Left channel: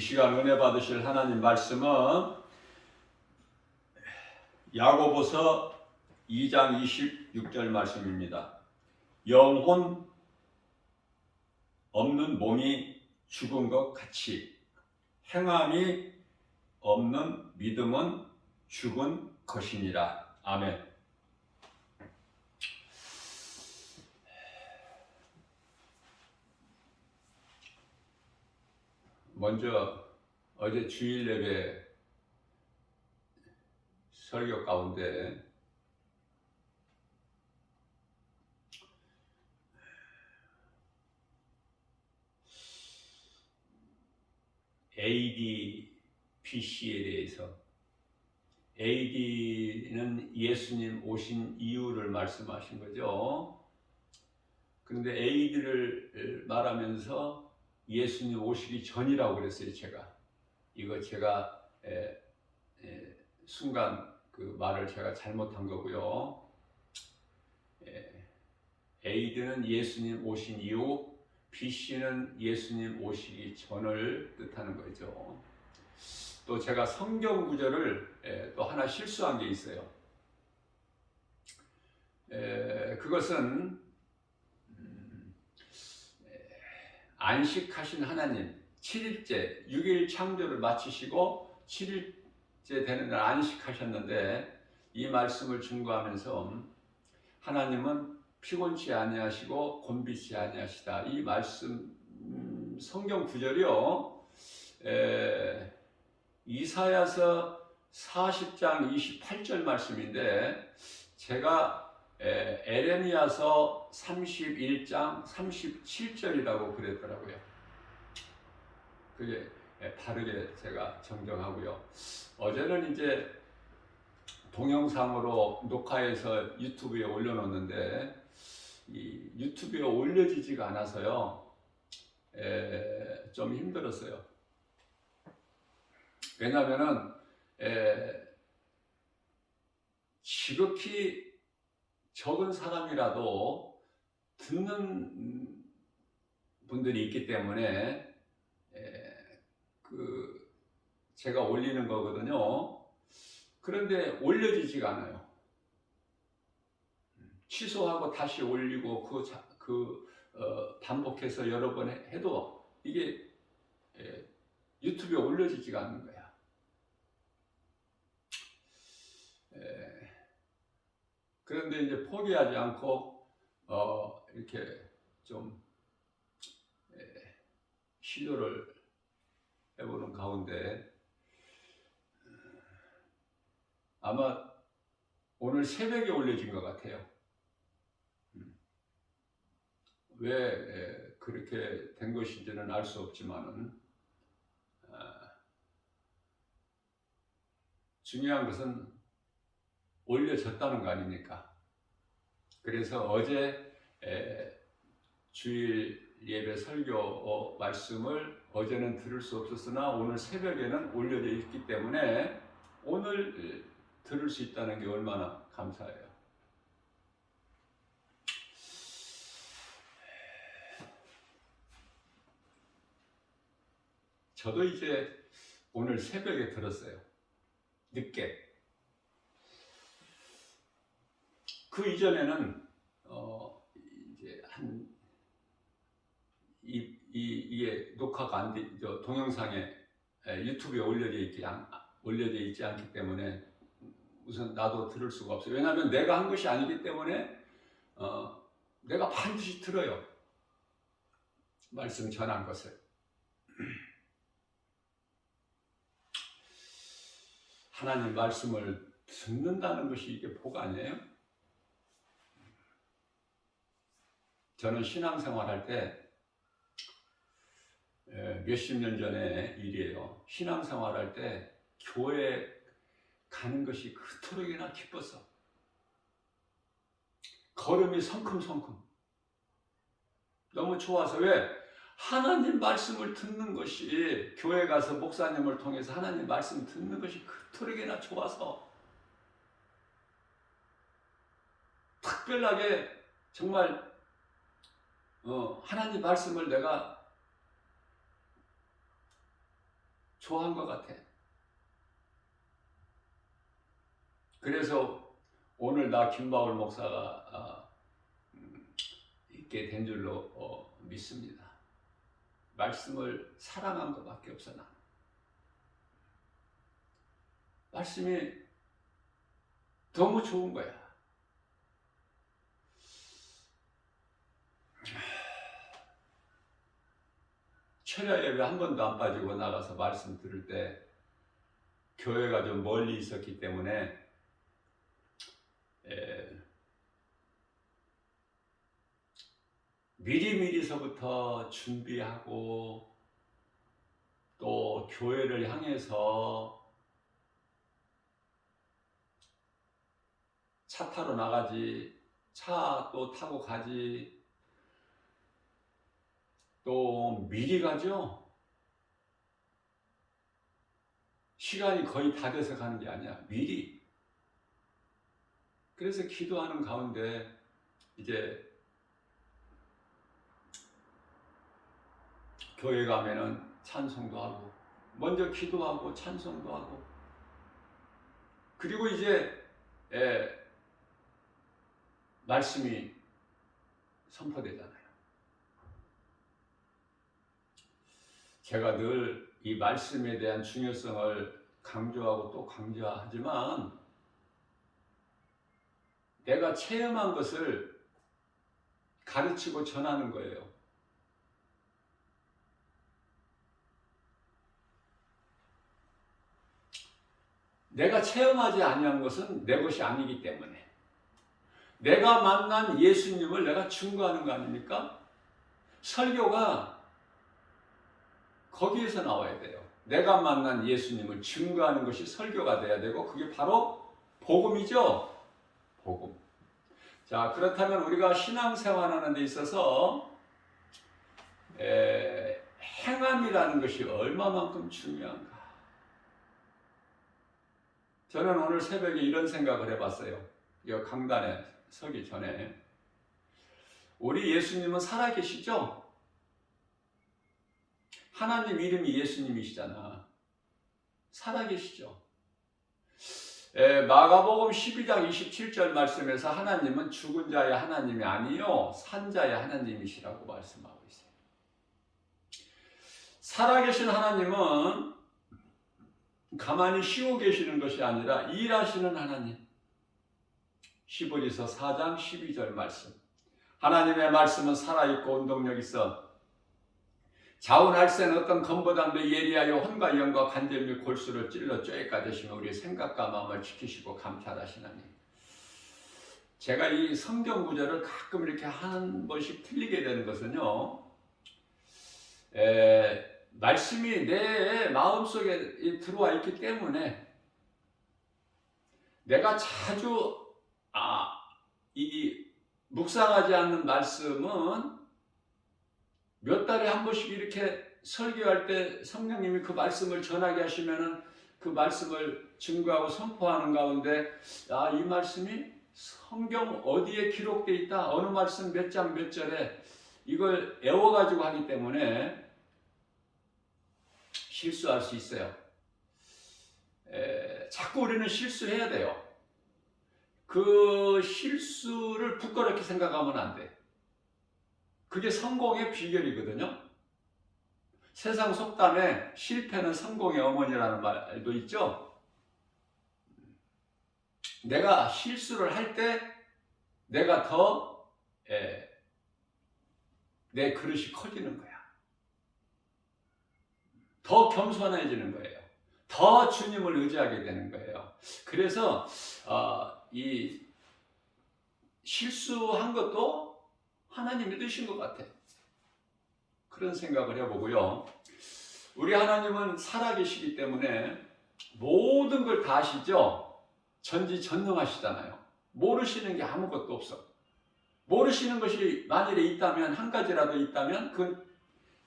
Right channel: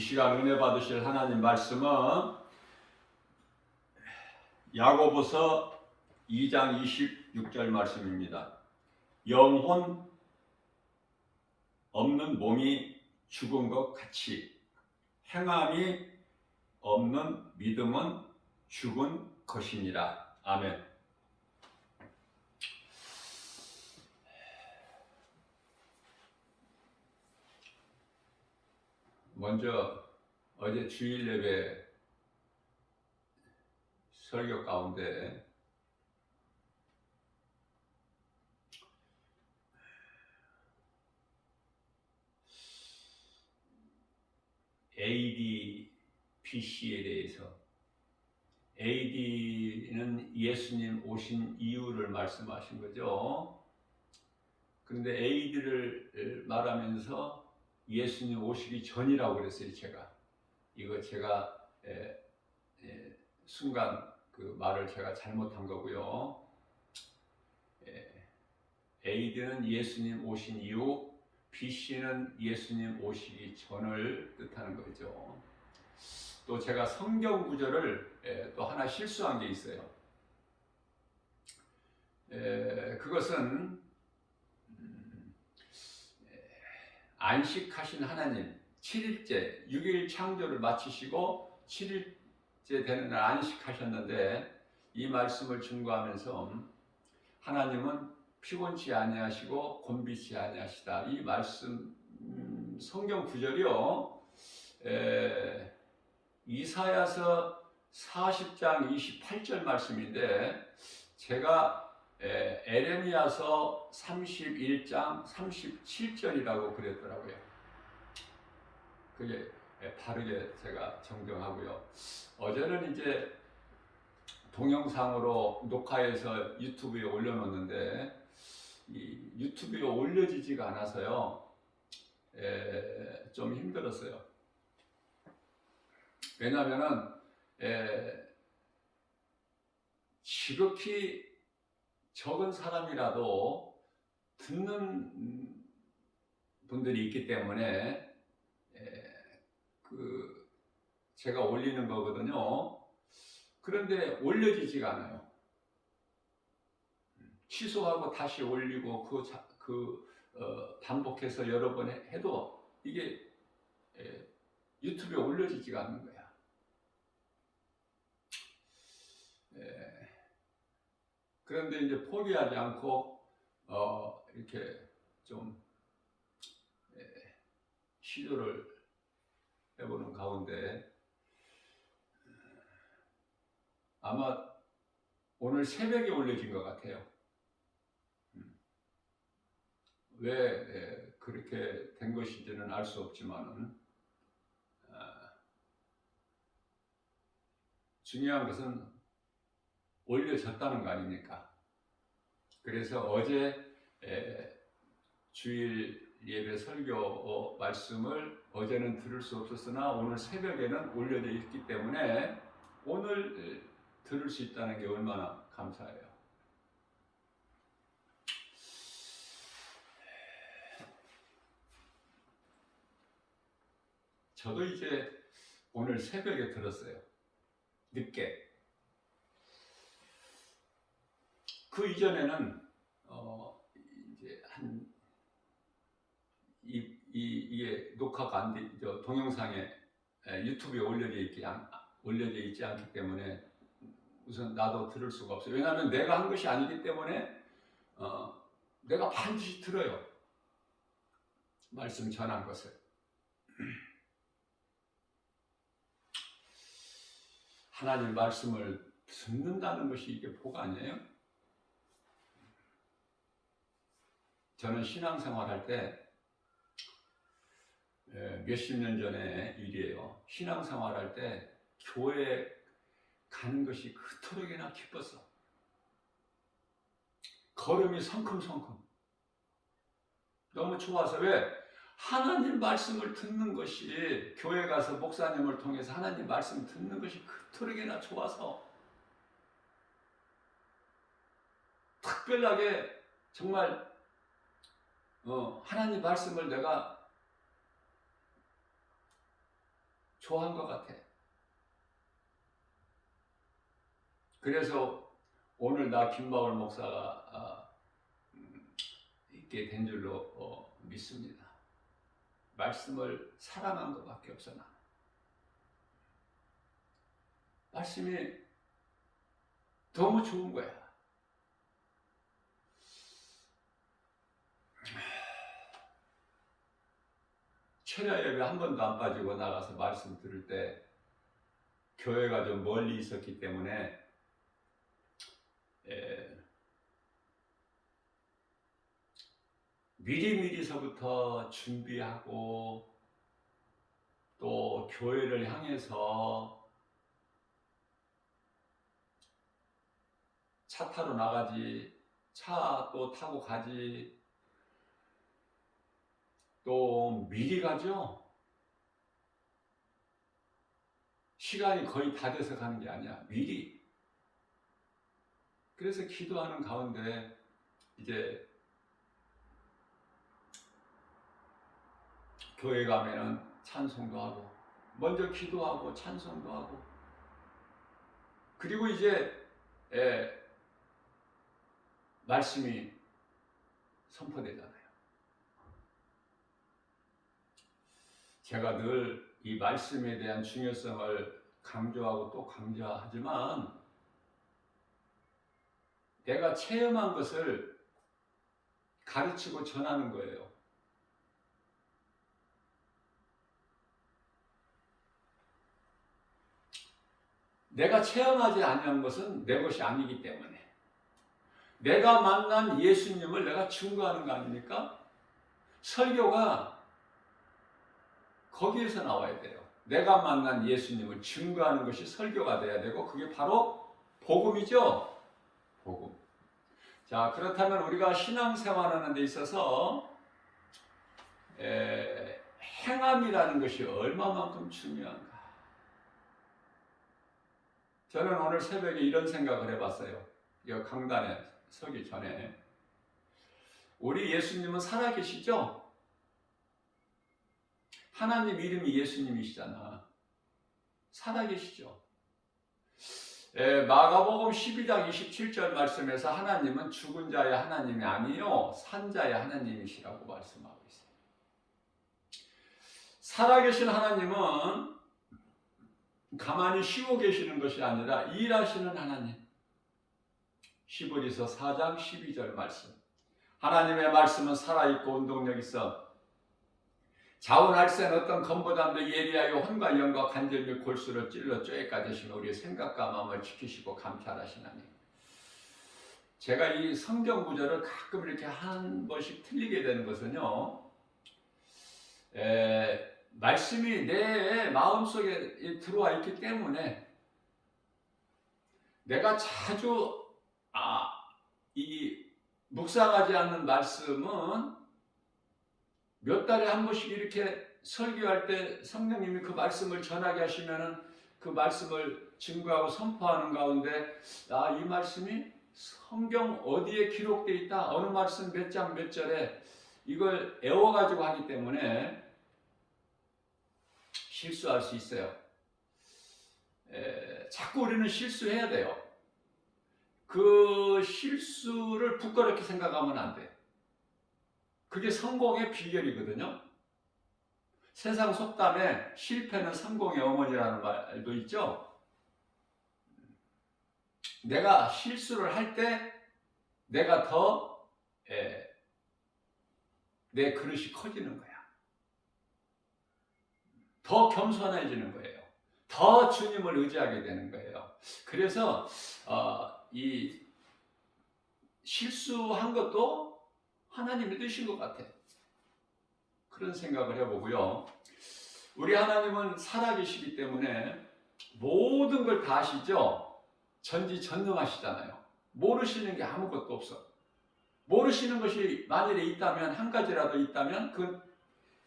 시간 은혜 받으실 하나님 말씀은 야고보서 2장 26절 말씀입니다. 영혼 없는 몸이 죽은 것 같이 행함이 없는 믿음은 죽은 것이니라. 아멘. 먼저 어제 주일 예배 설교 가운데 AD, BC에 대해서, AD는 예수님 오신 이유를 말씀하신 거죠. 그런데 AD를 말하면서 예수님 오시기 전이라고 그랬어요. 제가 순간 그 말을 제가 잘못한 거고요. AD는 예수님 오신 이후, BC는 예수님 오시기 전을 뜻하는 거죠. 또 제가 성경 구절을 또 하나 실수한 게 있어요. 그것은 안식하신 하나님, 7일째, 6일 창조를 마치시고 7일째 되는 날 안식하셨는데, 이 말씀을 증거하면서 하나님은 피곤치 아니하시고 곤비치 아니하시다. 이 말씀 성경 구절이요. 이사야서 40장 28절 말씀인데, 제가 에레미야서 31장 37절이라고 그랬더라고요. 그게 바르게 제가 정정하고요. 어제는 이제 동영상으로 녹화해서 유튜브에 올려놓는데, 이 유튜브에 올려지지가 않아서요. 좀 힘들었어요. 왜냐하면은 지극히 적은 사람이라도 듣는 분들이 있기 때문에 제가 올리는 거거든요. 그런데 올려지지가 않아요. 취소하고 다시 올리고 반복해서 여러 번 해도 이게 유튜브에 올려지지가 않는 거야. 그런데 이제 포기하지 않고 이렇게 좀 시도를 해보는 가운데, 아마 오늘 새벽에 올려진 것 같아요. 왜 그렇게 된 것인지는 알 수 없지만은, 중요한 것은 올려졌다는 거 아닙니까? 그래서 어제 주일 예배 설교 말씀을 어제는 들을 수 없었으나 오늘 새벽에는 올려져 있기 때문에 오늘 들을 수 있다는 게 얼마나 감사해요. 저도 이제 오늘 새벽에 들었어요. 늦게. 그 이전에는 이제 이게 녹화가 안 돼, 동영상에 유튜브에 올려져 있지 않기 때문에 우선 나도 들을 수가 없어요. 왜냐하면 내가 한 것이 아니기 때문에 내가 반드시 들어요. 말씀 전한 것을. 하나님 말씀을 듣는다는 것이 이게 복 아니에요? 저는 신앙생활할 때 몇십 년 전의 일이에요. 신앙생활할 때 교회 가는 것이 그토록이나 기뻤어. 걸음이 성큼성큼. 너무 좋아서. 왜? 하나님 말씀을 듣는 것이, 교회 가서 목사님을 통해서 하나님 말씀 듣는 것이 그토록이나 좋아서 특별하게 정말 하나님 말씀을 내가 좋아한 것 같아. 그래서 오늘 나 김바울 목사가 있게 된 줄로 믿습니다. 말씀을 사랑한 것밖에 없어. 나는 말씀이 너무 좋은 거야. 철야 예배 한 번도 안 빠지고 나가서 말씀 들을 때 교회가 좀 멀리 있었기 때문에 미리미리서부터 준비하고 또 교회를 향해서 차 타러 나가지, 차 또 타고 가지, 또 미리 가죠. 시간이 거의 다 돼서 가는 게 아니야. 미리. 그래서 기도하는 가운데 이제 교회 가면은 찬송도 하고, 먼저 기도하고 찬송도 하고, 그리고 이제 말씀이 선포되잖아요. 제가 늘 이 말씀에 대한 중요성을 강조하고 또 강조하지만 내가 체험한 것을 가르치고 전하는 거예요. 내가 체험하지 아니한 것은 내 것이 아니기 때문에 내가 만난 예수님을 내가 증거하는 거 아닙니까? 설교가 거기에서 나와야 돼요. 내가 만난 예수님을 증거하는 것이 설교가 돼야 되고 그게 바로 복음이죠. 복음. 자, 그렇다면 우리가 신앙생활하는 데 있어서 행함이라는 것이 얼마만큼 중요한가. 저는 오늘 새벽에 이런 생각을 해봤어요. 이 강단에 서기 전에 우리 예수님은 살아계시죠? 하나님 이름이 예수님이시잖아. 살아계시죠? 마가복음 12장 27절 말씀에서 하나님은 죽은 자의 하나님이 아니요 산 자의 하나님이시라고 말씀하고 있어요. 살아계신 하나님은 가만히 쉬고 계시는 것이 아니라 일하시는 하나님. 히브리서 4장 12절 말씀. 하나님의 말씀은 살아있고 운동력 있어 자운할센 어떤 검보담도 예리하여 혼과 영과 관절 및 골수를 찔러 쪼개까지 하시며 우리의 생각과 마음을 지키시고 감찰하시나니. 제가 이 성경 구절을 가끔 이렇게 한 번씩 틀리게 되는 것은요, 말씀이 내 마음속에 들어와 있기 때문에 내가 자주 이 묵상하지 않는 말씀은 몇 달에 한 번씩 이렇게 설교할 때 성령님이 그 말씀을 전하게 하시면은 그 말씀을 증거하고 선포하는 가운데 이 말씀이 성경 어디에 기록되어 있다, 어느 말씀 몇 장 몇 절에 이걸 애워가지고 하기 때문에 실수할 수 있어요. 자꾸 우리는 실수해야 돼요. 그 실수를 부끄럽게 생각하면 안 돼. 그게 성공의 비결이거든요. 세상 속담에 실패는 성공의 어머니라는 말도 있죠. 내가 실수를 할 때 내가 더 내 그릇이 커지는 거야. 더 겸손해지는 거예요. 더 주님을 의지하게 되는 거예요. 그래서 이 실수한 것도 하나님이 드신 것 같아. 그런 생각을 해보고요. 우리 하나님은 살아계시기 때문에 모든 걸 다 아시죠? 전지전능하시잖아요. 모르시는 게 아무것도 없어. 모르시는 것이 만일에 있다면, 한 가지라도 있다면 그건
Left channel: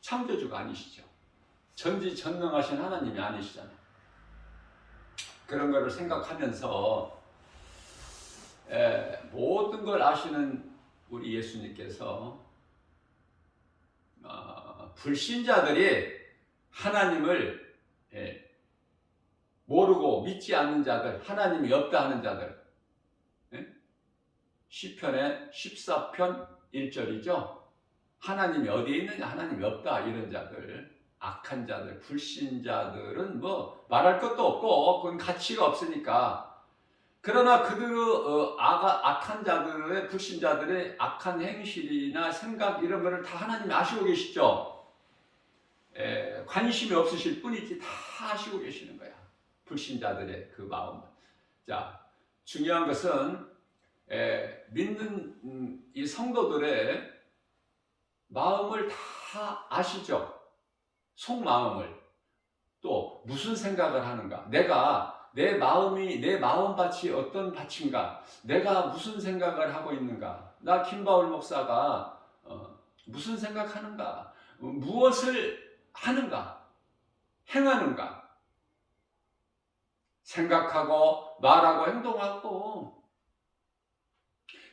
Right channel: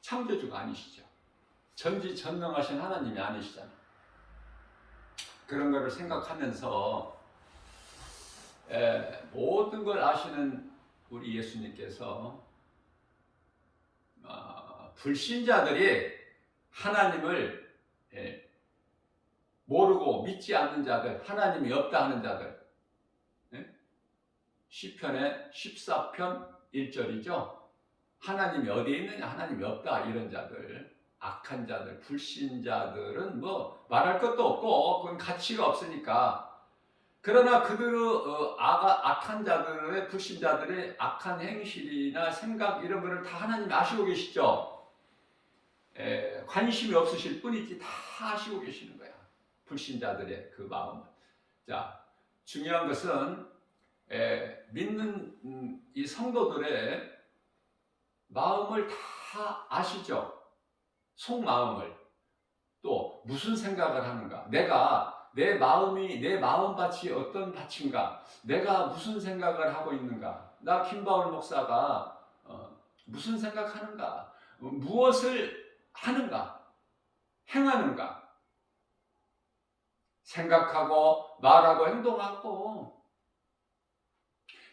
창조주가 아니시죠. 전지전능하신 하나님이 아니시잖아요. 그런 거를 생각하면서 모든 걸 아시는 우리 예수님께서 불신자들이 하나님을 모르고 믿지 않는 자들, 하나님이 없다 하는 자들. 예? 시편의 14편 1절이죠. 하나님이 어디에 있느냐? 하나님이 없다. 이런 자들, 악한 자들, 불신자들은 뭐 말할 것도 없고 그건 가치가 없으니까. 그러나 그들의 악한 자들의, 불신자들의 악한 행실이나 생각 이런 거를 다 하나님이 아시고 계시죠. 관심이 없으실 뿐이지 다 아시고 계시는 거야. 불신자들의 그 마음을. 자, 중요한 것은 믿는 이 성도들의 마음을 다 아시죠. 속마음을. 또 무슨 생각을 하는가. 내 마음이, 내 마음밭이 어떤 밭인가. 내가 무슨 생각을 하고 있는가. 나 김바울 목사가 무슨 생각하는가. 무엇을 하는가. 행하는가. 생각하고 말하고 행동하고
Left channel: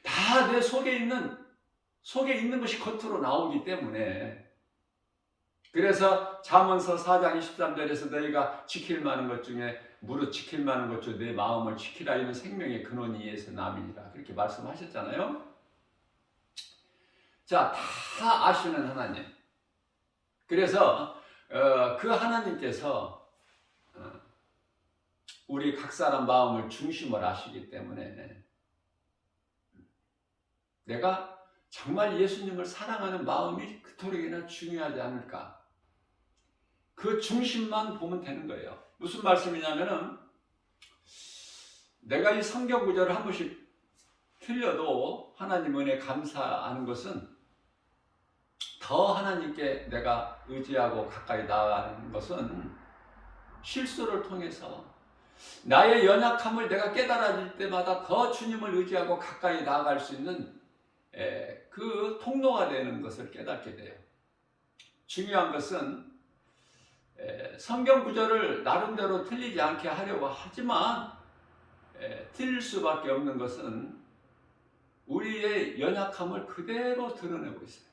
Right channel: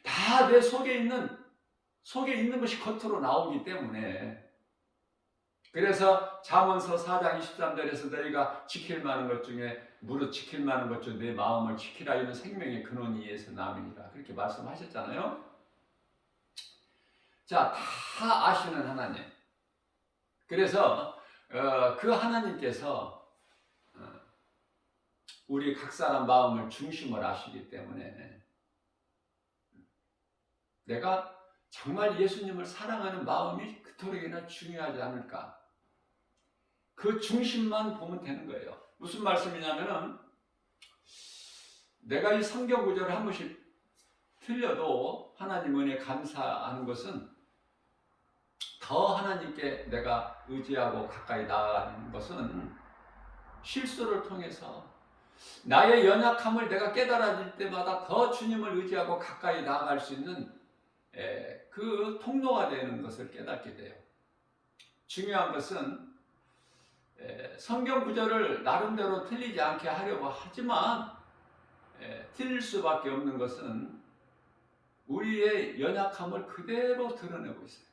다 내 속에 있는 것이 겉으로 나오기 때문에. 그래서 잠언서 4장 23절에서 너희가 지킬 만한 것 중에 무릇 지킬 만한 것 중 내 마음을 지키라. 이는 생명의 근원이 이에서 남이니라. 그렇게 말씀하셨잖아요. 자, 다 아시는 하나님. 그래서 그 하나님께서 우리 각 사람 마음을 중심을 아시기 때문에 내가 정말 예수님을 사랑하는 마음이 그토록이나 중요하지 않을까. 그 중심만 보면 되는 거예요. 무슨 말씀이냐면은 내가 이 성경 구절을 한 번씩 틀려도 하나님 은혜에 감사하는 것은 더 하나님께 내가 의지하고 가까이 나아가는 것은 실수를 통해서 나의 연약함을 내가 깨달아질 때마다 더 주님을 의지하고 가까이 나아갈 수 있는 그 통로가 되는 것을 깨닫게 돼요. 중요한 것은 성경 구절을 나름대로 틀리지 않게 하려고 하지만 틀릴 수밖에 없는 것은 우리의 연약함을 그대로 드러내고 있어요.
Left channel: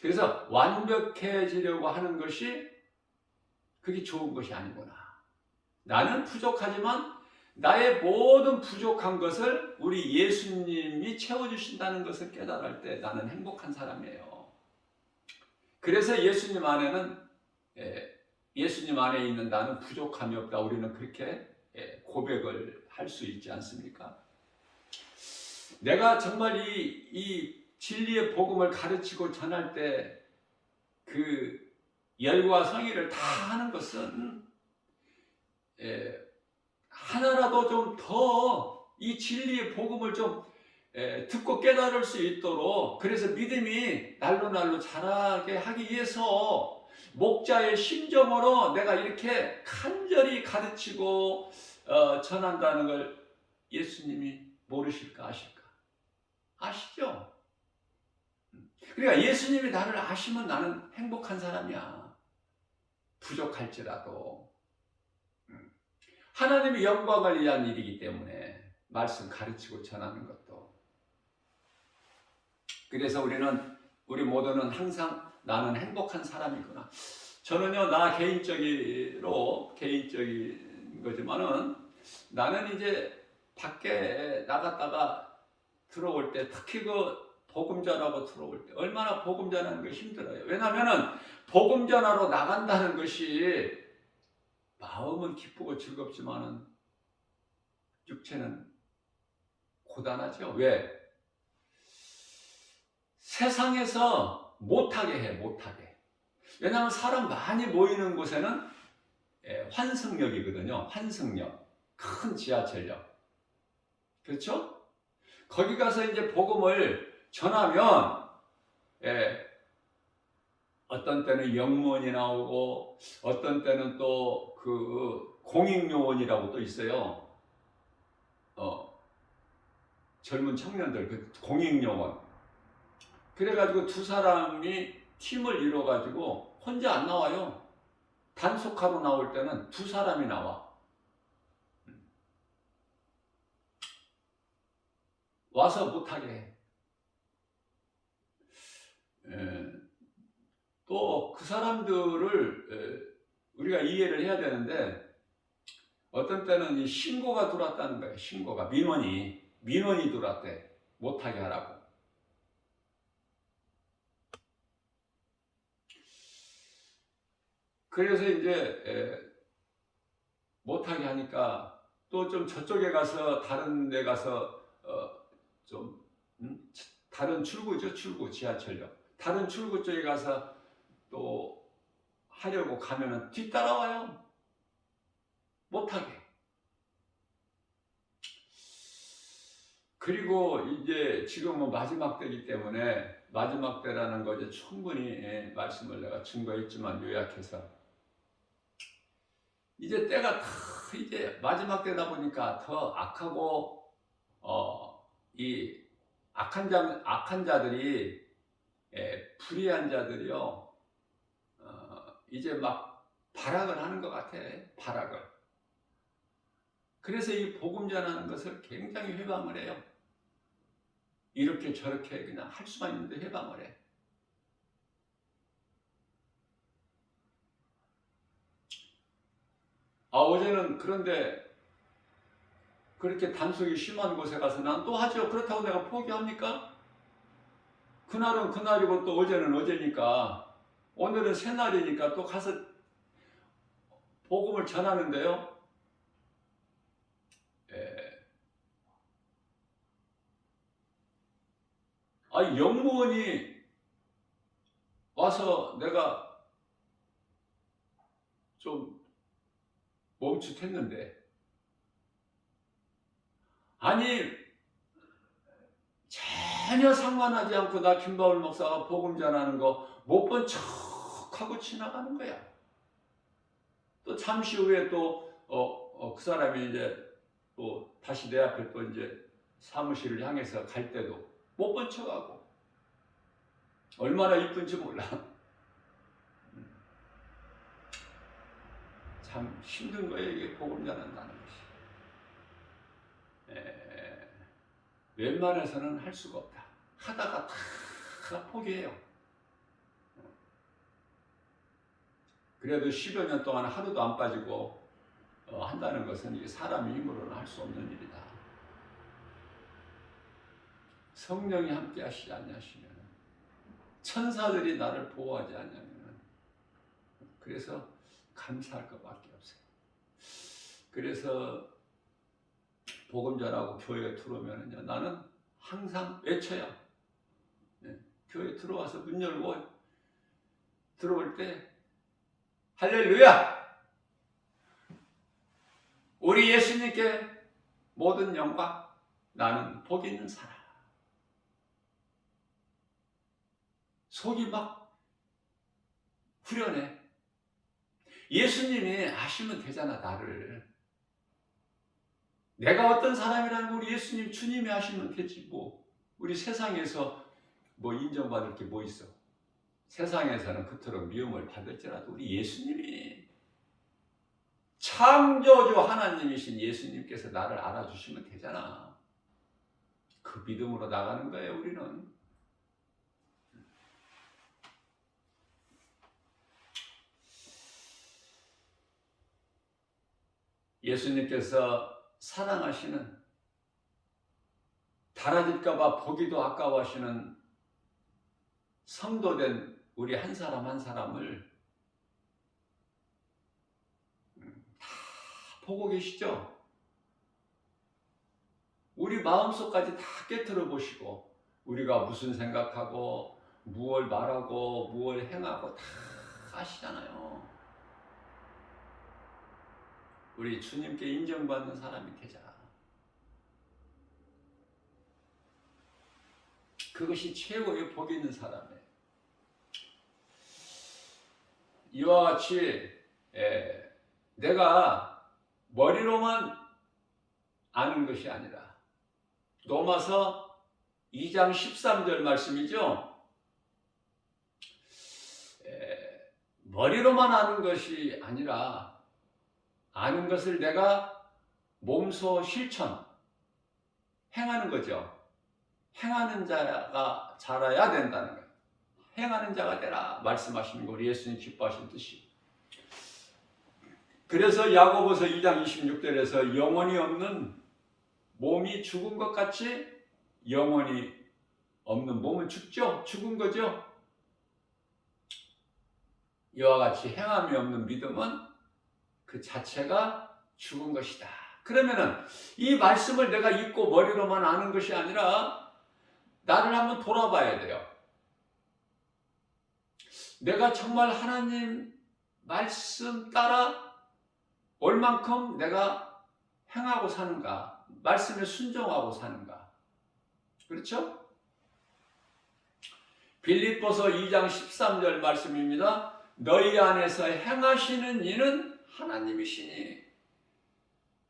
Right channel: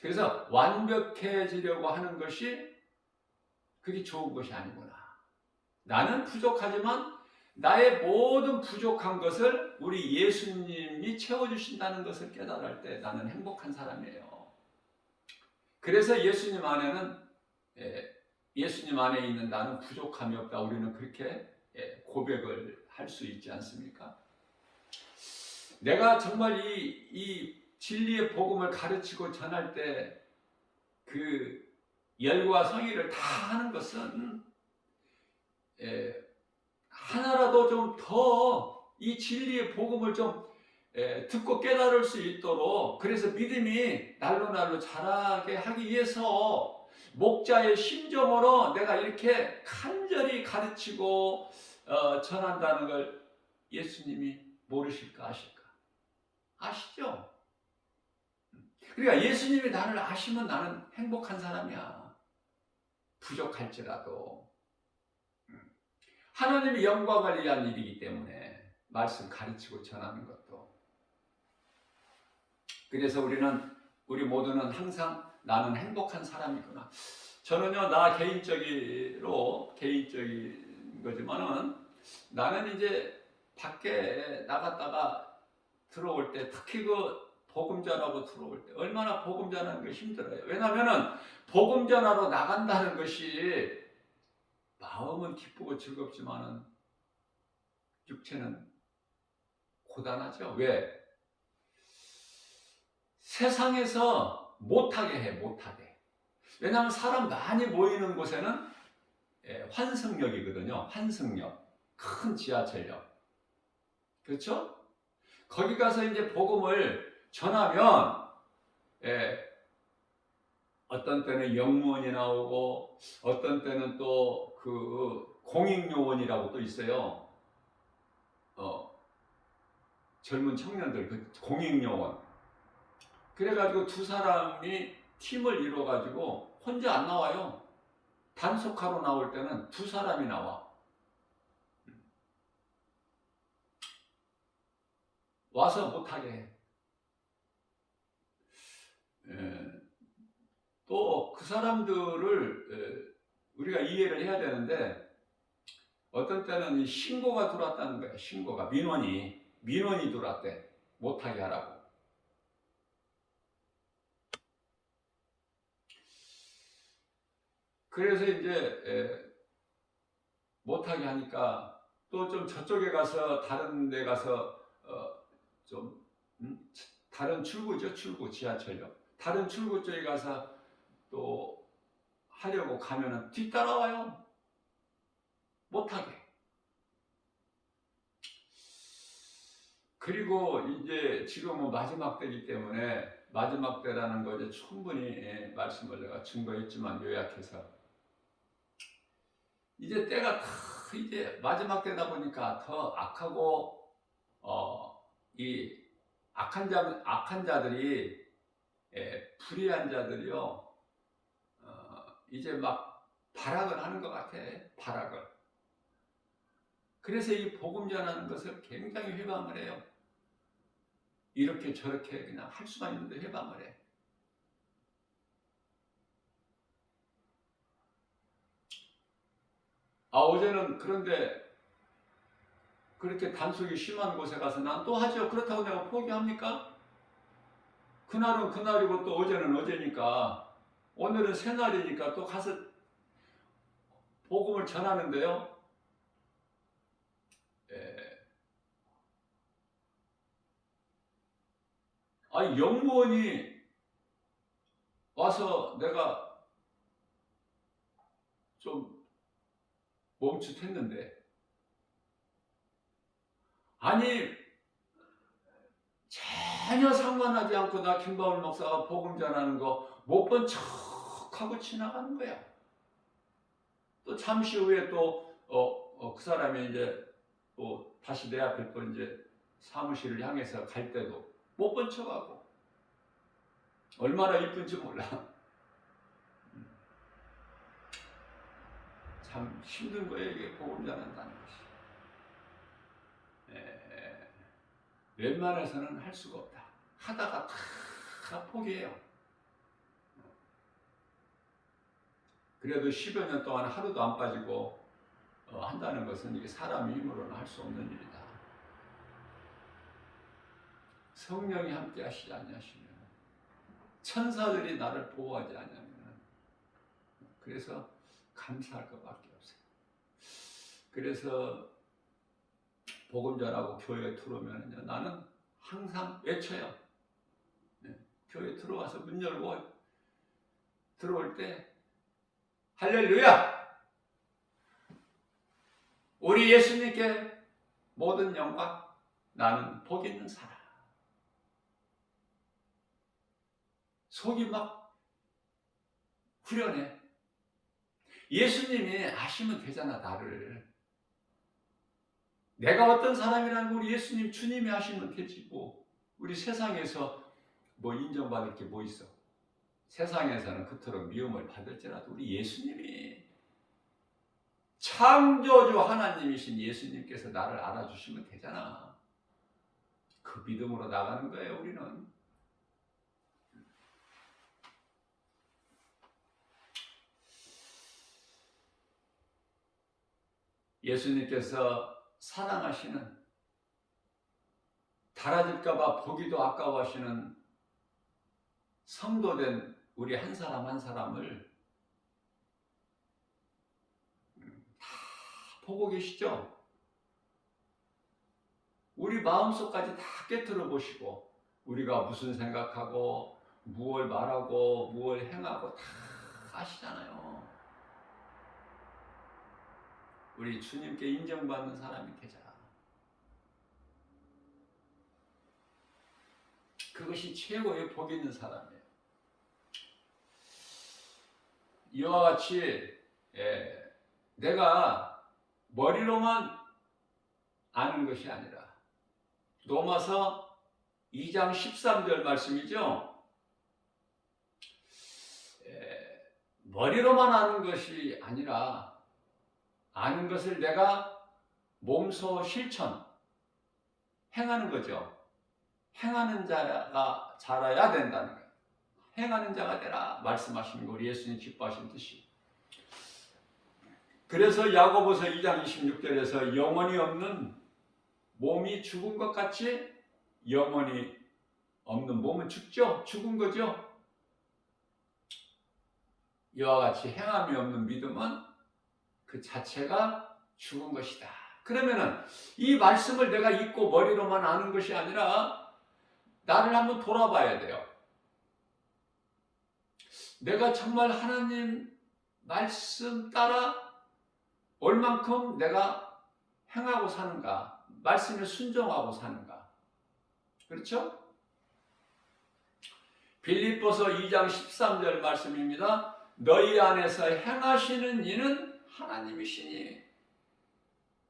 그래서 완벽해지려고 하는 것이 그게 좋은 것이 아니구나. 나는 부족하지만 나의 모든 부족한 것을 우리 예수님이 채워주신다는 것을 깨달을 때 나는 행복한 사람이에요. 그래서 예수님 안에 있는 나는 부족함이 없다. 우리는 그렇게 고백을 할 수 있지 않습니까? 내가 정말 이 진리의 복음을 가르치고 전할 때 그 열과 성의를 다 하는 것은 하나라도 좀 더 이 진리의 복음을 좀 듣고 깨달을 수 있도록, 그래서 믿음이 날로 자라게 하기 위해서 목자의 심정으로 내가 이렇게 간절히 가르치고 전한다는 걸 예수님이 모르실까 아실까? 아시죠? 그러니까 예수님이 나를 아시면 나는 행복한 사람이야. 부족할지라도. 하나님의 영광을 위한 일이기 때문에 말씀 가르치고 전하는 것도. 그래서 우리 모두는 항상 나는 행복한 사람이구나. 저는요, 나 개인적인 거지만은 나는 이제 밖에 나갔다가 들어올 때, 특히 그 복음 전하고 들어올 때 얼마나 복음 전하는 게 힘들어요. 왜냐하면은 복음 전하러 나간다는 것이 마음은 기쁘고 즐겁지만은 육체는 고단하죠. 왜? 세상에서 못하게 해, 못하게. 왜냐하면 사람 많이 모이는 곳에는 환승역이거든요. 환승역. 큰 지하철역. 그렇죠? 거기 가서 이제 복음을 전하면 어떤 때는 영문이 나오고 어떤 때는 또 그 공익요원이라고 또 있어요. 젊은 청년들 그 공익요원. 그래가지고 두 사람이 팀을 이뤄가지고 혼자 안 나와요. 단속하러 나올 때는 두 사람이 나와. 와서 못하게 해. 또 그 사람들을 우리가 이해를 해야 되는데 어떤 때는 이 신고가 들어왔다는 거예요. 신고가 민원이 들어왔대. 못하게 하라고. 그래서 이제 못하게 하니까 또 좀 저쪽에 가서 다른 데 가서 좀 다른 출구죠. 출구 지하철역. 다른 출구 쪽에 가서 또 하려고 가면은 뒤따라와요. 못하게. 그리고 이제 지금은 마지막 때이기 때문에 마지막 때라는 거 이제 충분히 말씀을 내가 증거했지만 요약해서 이제 때가 다 이제 마지막 때다 보니까 더 악하고 이 악한 자들이 불의한 자들이요 이제 막 발악을 하는 것 같아. 발악을. 그래서 이 복음 전하는 것을 굉장히 회방을 해요. 이렇게 저렇게 그냥 할 수만 있는데 회방을 해. 어제는 그런데 그렇게 단속이 심한 곳에 가서 난 또 하죠. 그렇다고 내가 포기합니까? 그날은 그날이고 또 어제는 어제니까 오늘은 새날이니까 또 가서 복음을 전하는데요. 영무원이 와서 내가 좀 멈칫했는데 아니 전혀 상관하지 않고 나 김바울 목사가 복음 전하는 거 못 본 척하고 지나가는 거야. 또 잠시 후에 또 그 사람이 이제 또 다시 내 앞에 또 이제 사무실을 향해서 갈 때도 못 본 척하고 얼마나 이쁜지 몰라. 참 힘든 거예요. 이게 복음 전한다는 것이. 웬만해서는 할 수가 없다. 하다가 다 포기해요. 그래도 10여 년 동안 하루도 안 빠지고 한다는 것은 이게 사람의 힘으로는 할 수 없는 일이다. 성령이 함께 하시지 않냐시면 천사들이 나를 보호하지 않냐면 그래서 감사할 것밖에 없어요. 그래서 복음 전하고 교회에 들어오면요 나는 항상 외쳐요. 교회 들어와서 문 열고 들어올 때 할렐루야! 우리 예수님께 모든 영광, 나는 복 있는 사람. 속이 막 후련해. 예수님이 아시면 되잖아, 나를. 내가 어떤 사람이라는 거 우리 예수님, 주님이 아시면 되지. 뭐 우리 세상에서 뭐 인정받을 게 뭐 있어. 세상에서는 그토록 미움을 받을지라도 우리 예수님이 창조주 하나님이신 예수님께서 나를 알아주시면 되잖아. 그 믿음으로 나가는 거예요, 우리는. 예수님께서 사랑하시는 달아질까봐 보기도 아까워하시는 성도된 우리 한 사람 한 사람을 다 보고 계시죠? 우리 마음속까지 다 깨트려 보시고 우리가 무슨 생각하고 무엇을 말하고 무엇을 행하고 다 아시잖아요. 우리 주님께 인정받는 사람이 되자. 그것이 최고의 복 있는 사람이에요. 이와 같이 내가 머리로만 아는 것이 아니라 로마서 2장 13절 말씀이죠. 머리로만 아는 것이 아니라 아는 것을 내가 몸소 실천, 행하는 거죠. 행하는 자가 자라야 된다는 거예요. 행하는 자가 되라 말씀하시는 거 우리 예수님 기뻐하신 뜻이. 그래서 야고보서 2장 26절에서 영혼이 없는 몸이 죽은 것 같이 영혼이 없는 몸은 죽죠. 죽은 거죠. 이와 같이 행함이 없는 믿음은 그 자체가 죽은 것이다. 그러면은 이 말씀을 내가 읽고 머리로만 아는 것이 아니라 나를 한번 돌아봐야 돼요. 내가 정말 하나님 말씀 따라 얼만큼 내가 행하고 사는가, 말씀에 순종하고 사는가. 그렇죠? 빌립보서 2장 13절 말씀입니다. 너희 안에서 행하시는 이는 하나님이시니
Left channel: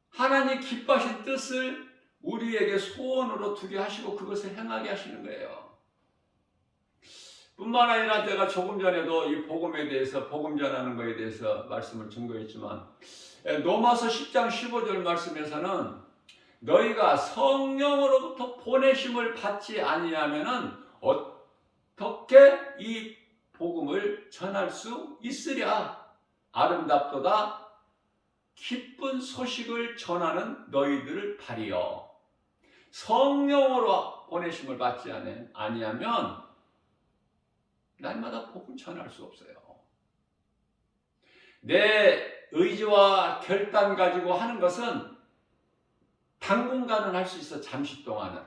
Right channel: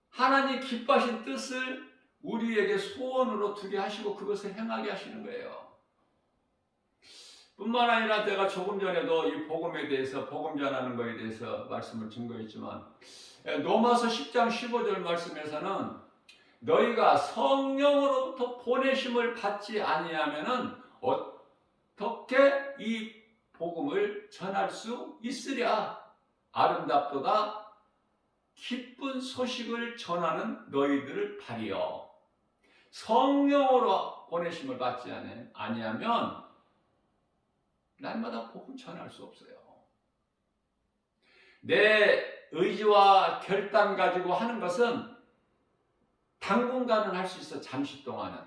하나님 기뻐하신 뜻을 우리에게 소원으로 두게 하시고 그것을 행하게 하시는 거예요. 뿐만 아니라 내가 조금 전에도 이 복음에 대해서, 복음 전하는 것에 대해서 말씀을 증거했지만 로마서 10장 15절 말씀에서는 너희가 성령으로부터 보내심을 받지 아니하면은 어떻게 이 복음을 전할 수 있으랴. 아름답도다 기쁜 소식을 전하는 너희들을 바리어. 성령으로 보내심을 받지 아니하면 날마다 복음 전할 수 없어요. 내 의지와 결단 가지고 하는 것은 당분간은 할 수 있어, 잠시 동안은.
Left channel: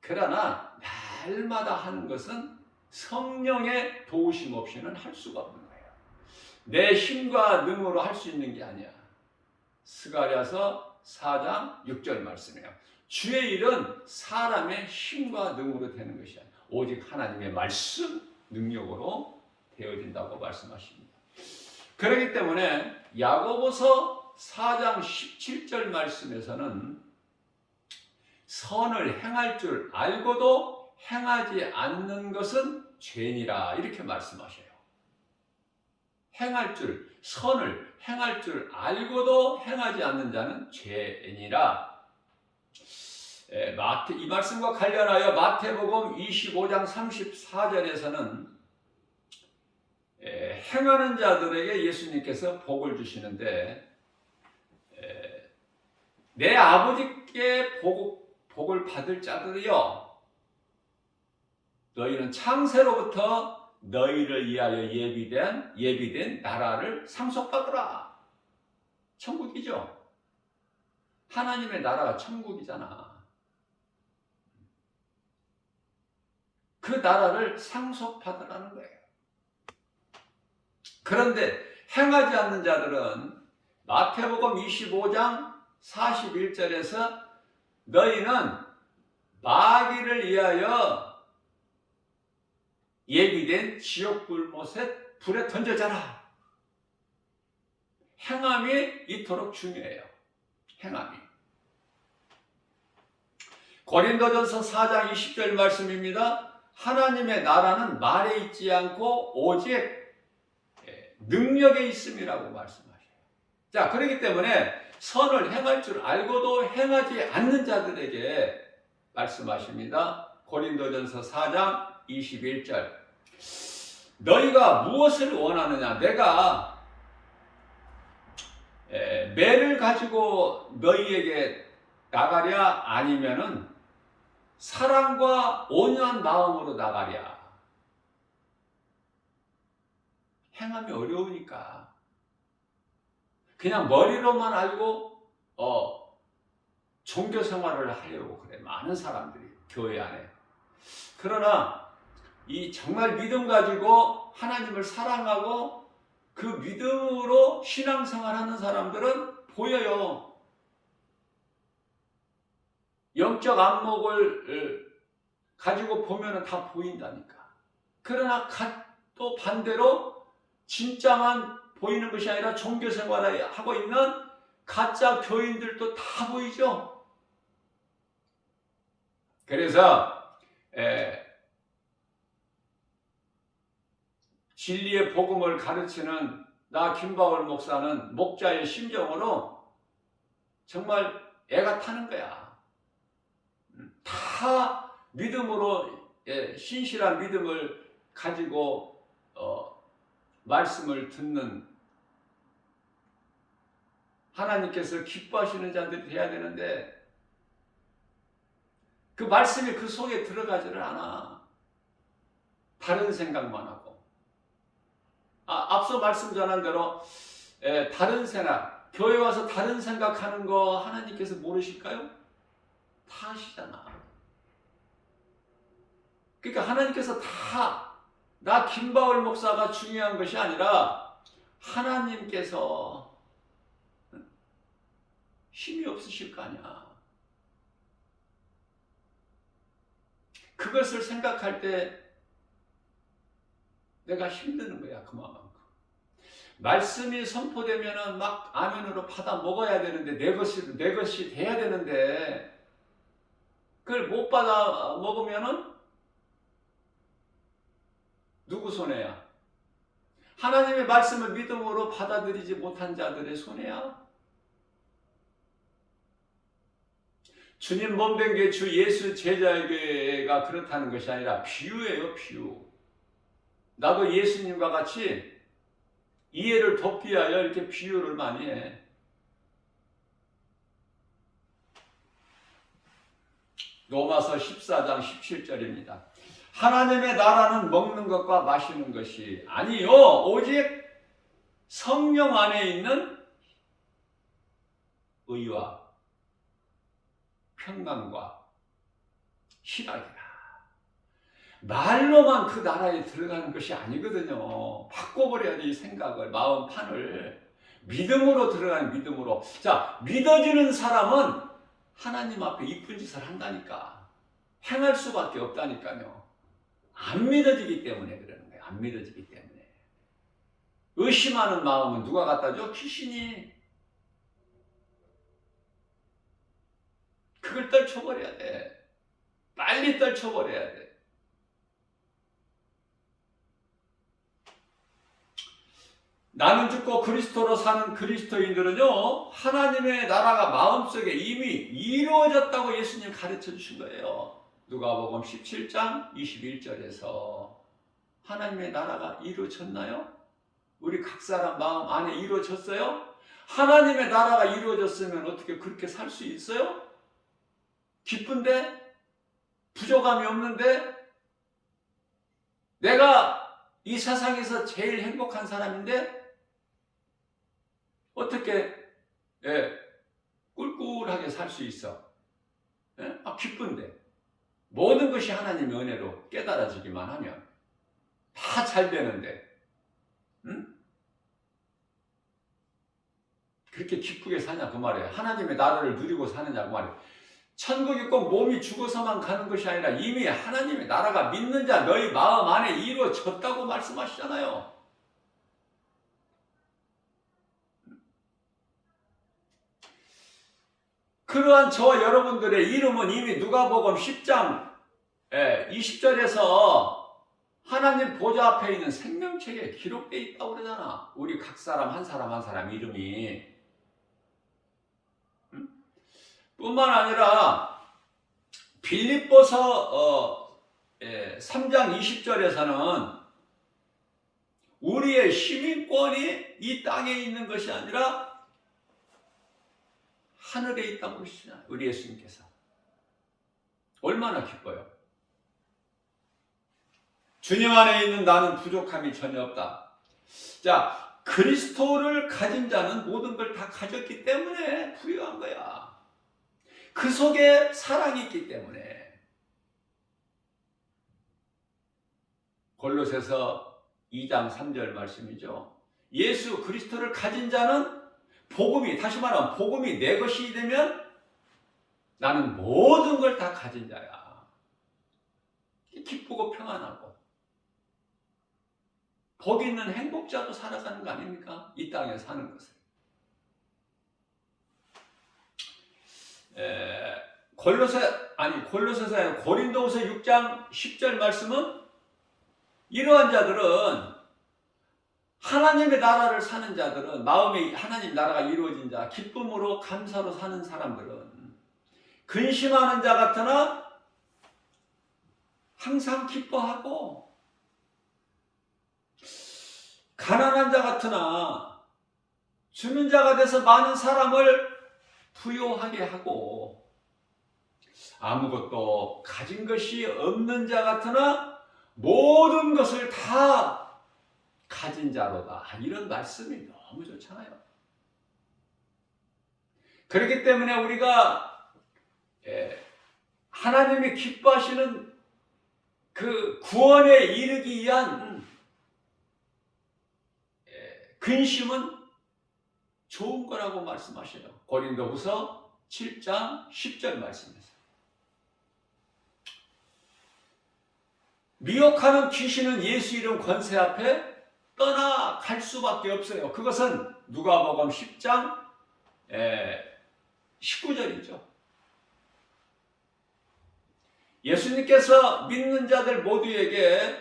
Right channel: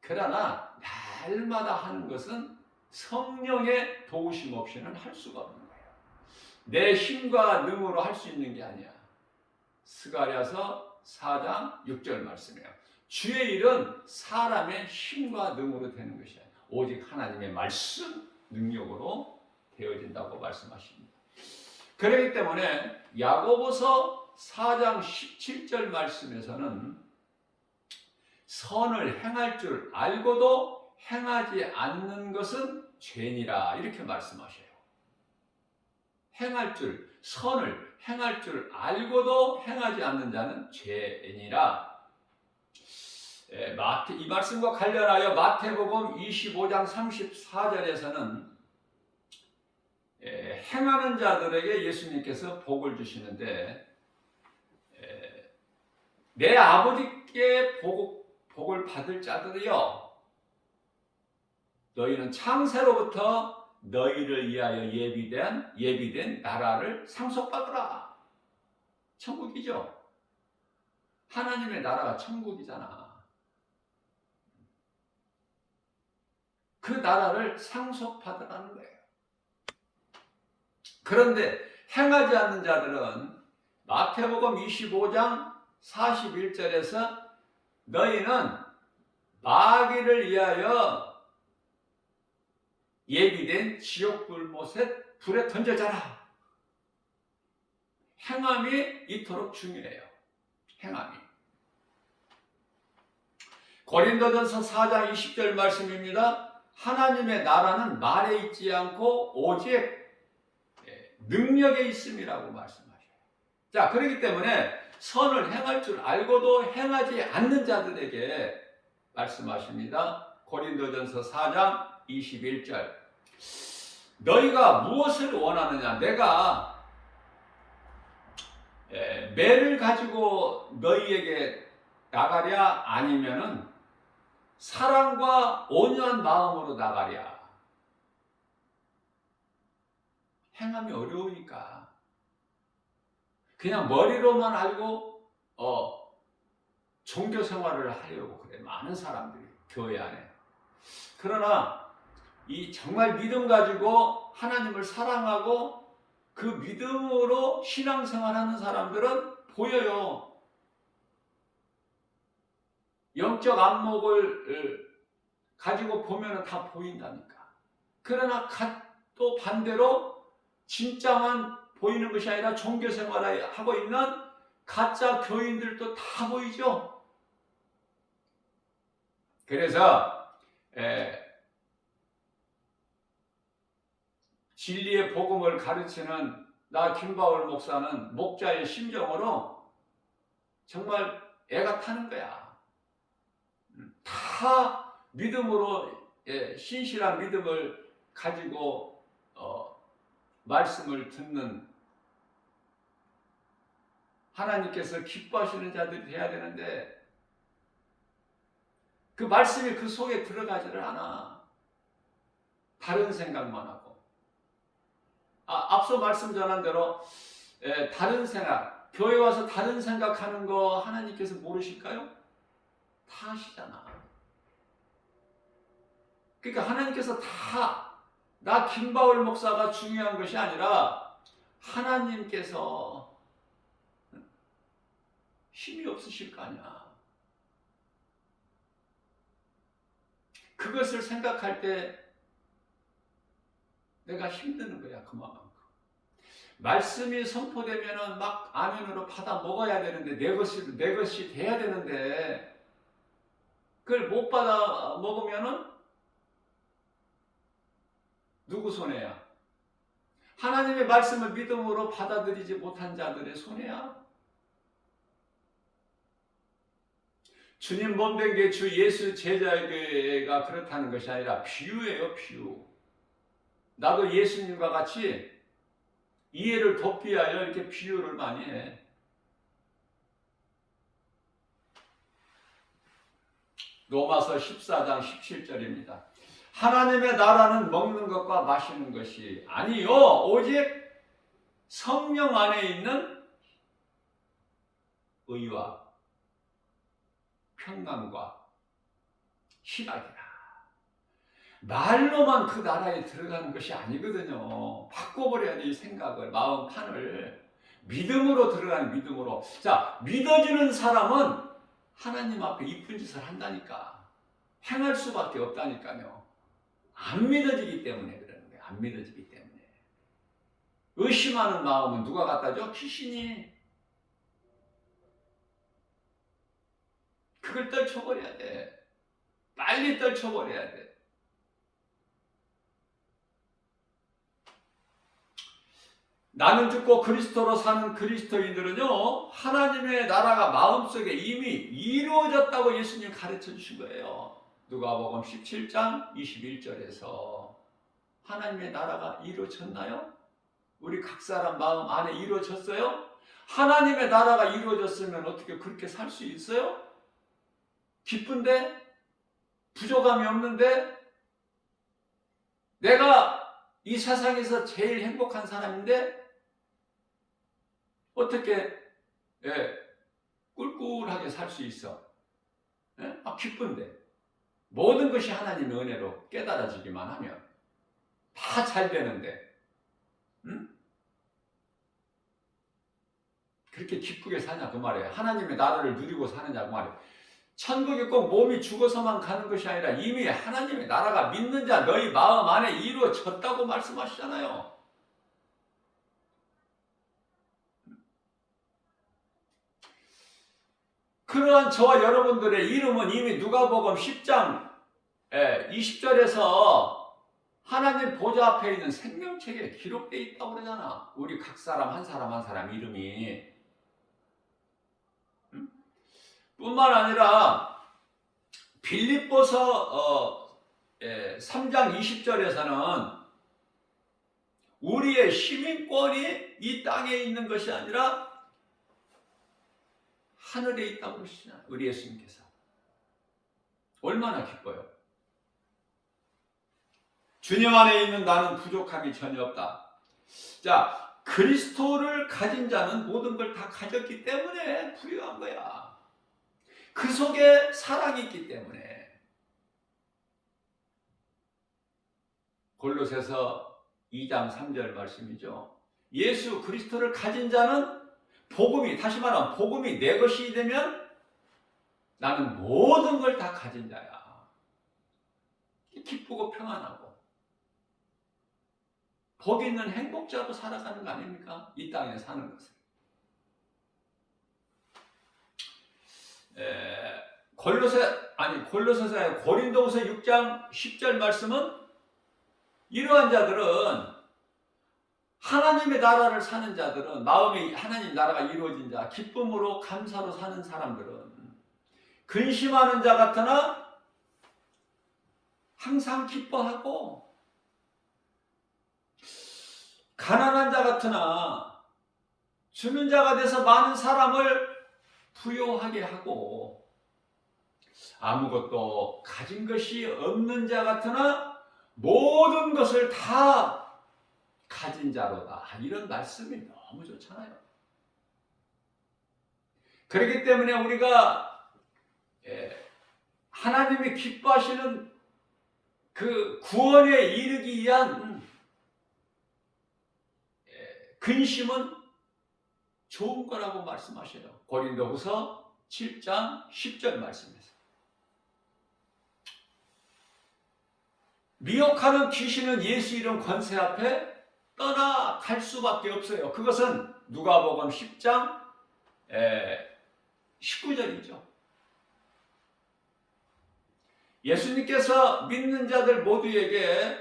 그러나 날마다 하는 것은 성령의 도우심 없이는 할 수가 없는 거예요. 내 힘과 능으로 할 수 있는 게 아니야. 스가랴서 4장 6절 말씀이에요. 주의 일은 사람의 힘과 능으로 되는 것이 아니라 오직 하나님의 말씀, 능력으로 되어진다고 말씀하십니다. 그렇기 때문에 야고보서 4장 17절 말씀에서는 선을 행할 줄 알고도 행하지 않는 것은 죄니라 이렇게 말씀하셔요. 선을 행할 줄 알고도 행하지 않는 자는 죄니라. 이 말씀과 관련하여 마태복음 25장 34절에서는 행하는 자들에게 예수님께서 복을 주시는데 내 아버지께 복을 받을 자들이여 너희는 창세로부터 너희를 위하여 예비된 나라를 상속받으라. 천국이죠. 하나님의 나라가 천국이잖아. 그 나라를 상속받으라는 거예요. 그런데 행하지 않는 자들은 마태복음 25장 41절에서 너희는 마귀를 위하여 예비된 지옥 불못에 불에 던져져라. 행함이 이토록 중요해요. 행함이. 고린도전서 4장 20절 말씀입니다. 하나님의 나라는 말에 있지 않고 오직 능력에 있음이라고 말씀하셔요. 자, 그렇기 때문에 선을 행할 줄 알고도 행하지 않는 자들에게 말씀하십니다. 고린도전서 4장 21절. 너희가 무엇을 원하느냐? 내가 매를 가지고 너희에게 나가랴 아니면은 사랑과 온유한 마음으로 나가랴. 행함이 어려우니까 그냥 머리로만 알고 종교 생활을 하려고 그래. 많은 사람들이 교회 안에. 그러나 이 정말 믿음 가지고 하나님을 사랑하고 그 믿음으로 신앙생활하는 사람들은 보여요. 영적 안목을 가지고 보면은 다 보인다니까. 그러나 또 반대로 진짜만 보이는 것이 아니라 종교생활을 하고 있는 가짜 교인들도 다 보이죠. 그래서 진리의 복음을 가르치는 나 김바울 목사는 목자의 심정으로 정말 애가 타는 거야. 다 믿음으로 신실한 믿음을 가지고 말씀을 듣는 하나님께서 기뻐하시는 자들이 돼야 되는데 그 말씀이 그 속에 들어가지를 않아. 다른 생각만 하고. 앞서 말씀 전한 대로 다른 생각, 교회 와서 다른 생각하는 거 하나님께서 모르실까요? 다 아시잖아. 그러니까 하나님께서 다 나 김바울 목사가 중요한 것이 아니라 하나님께서 힘이 없으실 거 아니야. 그것을 생각할 때 내가 힘드는 거야, 그만큼. 말씀이 선포되면은 막 아멘으로 받아 먹어야 되는데 내 것이 돼야 되는데 그걸 못 받아 먹으면은 누구 손해야? 하나님의 말씀을 믿음으로 받아들이지 못한 자들의 손해야. 주님 몸된 게 주 예수 제자에게가 그렇다는 것이 아니라 비유예요, 비유. 나도 예수님과 같이 이해를 돕기 위하여 이렇게 비유를 많이 해. 로마서 14장 17절입니다. 하나님의 나라는 먹는 것과 마시는 것이 아니요 오직 성령 안에 있는 의와 평강과 희락이라. 말로만 그 나라에 들어가는 것이 아니거든요. 바꿔버려야 돼, 이 생각을, 마음판을. 믿음으로 들어가는 믿음으로. 자, 믿어지는 사람은 하나님 앞에 이쁜 짓을 한다니까. 행할 수밖에 없다니까요. 안 믿어지기 때문에 그러는 거예요. 안 믿어지기 때문에. 의심하는 마음은 누가 갖다 줘? 귀신이. 그걸 떨쳐버려야 돼. 빨리 떨쳐버려야 돼. 나는 죽고 그리스도로 사는 그리스도인들은요, 하나님의 나라가 마음속에 이미 이루어졌다고 예수님 가르쳐 주신 거예요. 누가복음 17장 21절에서 하나님의 나라가 이루어졌나요? 우리 각 사람 마음 안에 이루어졌어요? 하나님의 나라가 이루어졌으면 어떻게 그렇게 살 수 있어요? 기쁜데? 부족함이 없는데? 내가 이 세상에서 제일 행복한 사람인데? 어떻게 꿀꿀하게 살 수 있어? 기쁜데 모든 것이 하나님의 은혜로 깨달아지기만 하면 다 잘 되는데 그렇게 기쁘게 사냐 그 말이에요. 하나님의 나라를 누리고 사느냐 그 말이에요. 천국에 꼭 몸이 죽어서만 가는 것이 아니라 이미 하나님의 나라가 믿는 자 너희 마음 안에 이루어졌다고 말씀하시잖아요. 그러한 저와 여러분들의 이름은 이미 누가복음 10장 20절에서 하나님 보좌 앞에 있는 생명책에 기록되어 있다고 그러잖아. 우리 각 사람 한 사람 한 사람 이름이. 뿐만 아니라 빌립보서 3장 20절에서는 우리의 시민권이 이 땅에 있는 것이 아니라 하늘에 있다고 그러시잖아요. 우리 예수님께서. 얼마나 기뻐요. 주님 안에 있는 나는 부족함이 전혀 없다. 자, 그리스도를 가진 자는 모든 걸 다 가졌기 때문에 부유한 거야. 그 속에 사랑이 있기 때문에. 골로새서 2장 3절 말씀이죠. 예수 그리스도를 가진 자는 복음이, 다시 말하면 복음이 내 것이 되면 나는 모든 걸 다 가진 자야. 기쁘고 평안하고 복 있는 행복자로 살아가는 거 아닙니까? 이 땅에 사는 것을. 골로새서 고린도후서 6장 10절 말씀은 이러한 자들은 하나님의 나라를 사는 자들은 마음에 하나님 나라가 이루어진 자, 기쁨으로 감사로 사는 사람들은 근심하는 자 같으나 항상 기뻐하고 가난한 자 같으나 주는 자가 돼서 많은 사람을 부요하게 하고 아무것도 가진 것이 없는 자 같으나 모든 것을 다 가진 자로다. 이런 말씀이 너무 좋잖아요. 그렇기 때문에 우리가 하나님이 기뻐하시는 그 구원에 이르기 위한 근심은 좋은 거라고 말씀하셔요. 고린도후서 7장 10절 말씀에서. 미혹하는 귀신은 예수 이름 권세 앞에 떠나갈 수밖에 없어요. 그것은 누가복음 10장 19절이죠. 예수님께서 믿는 자들 모두에게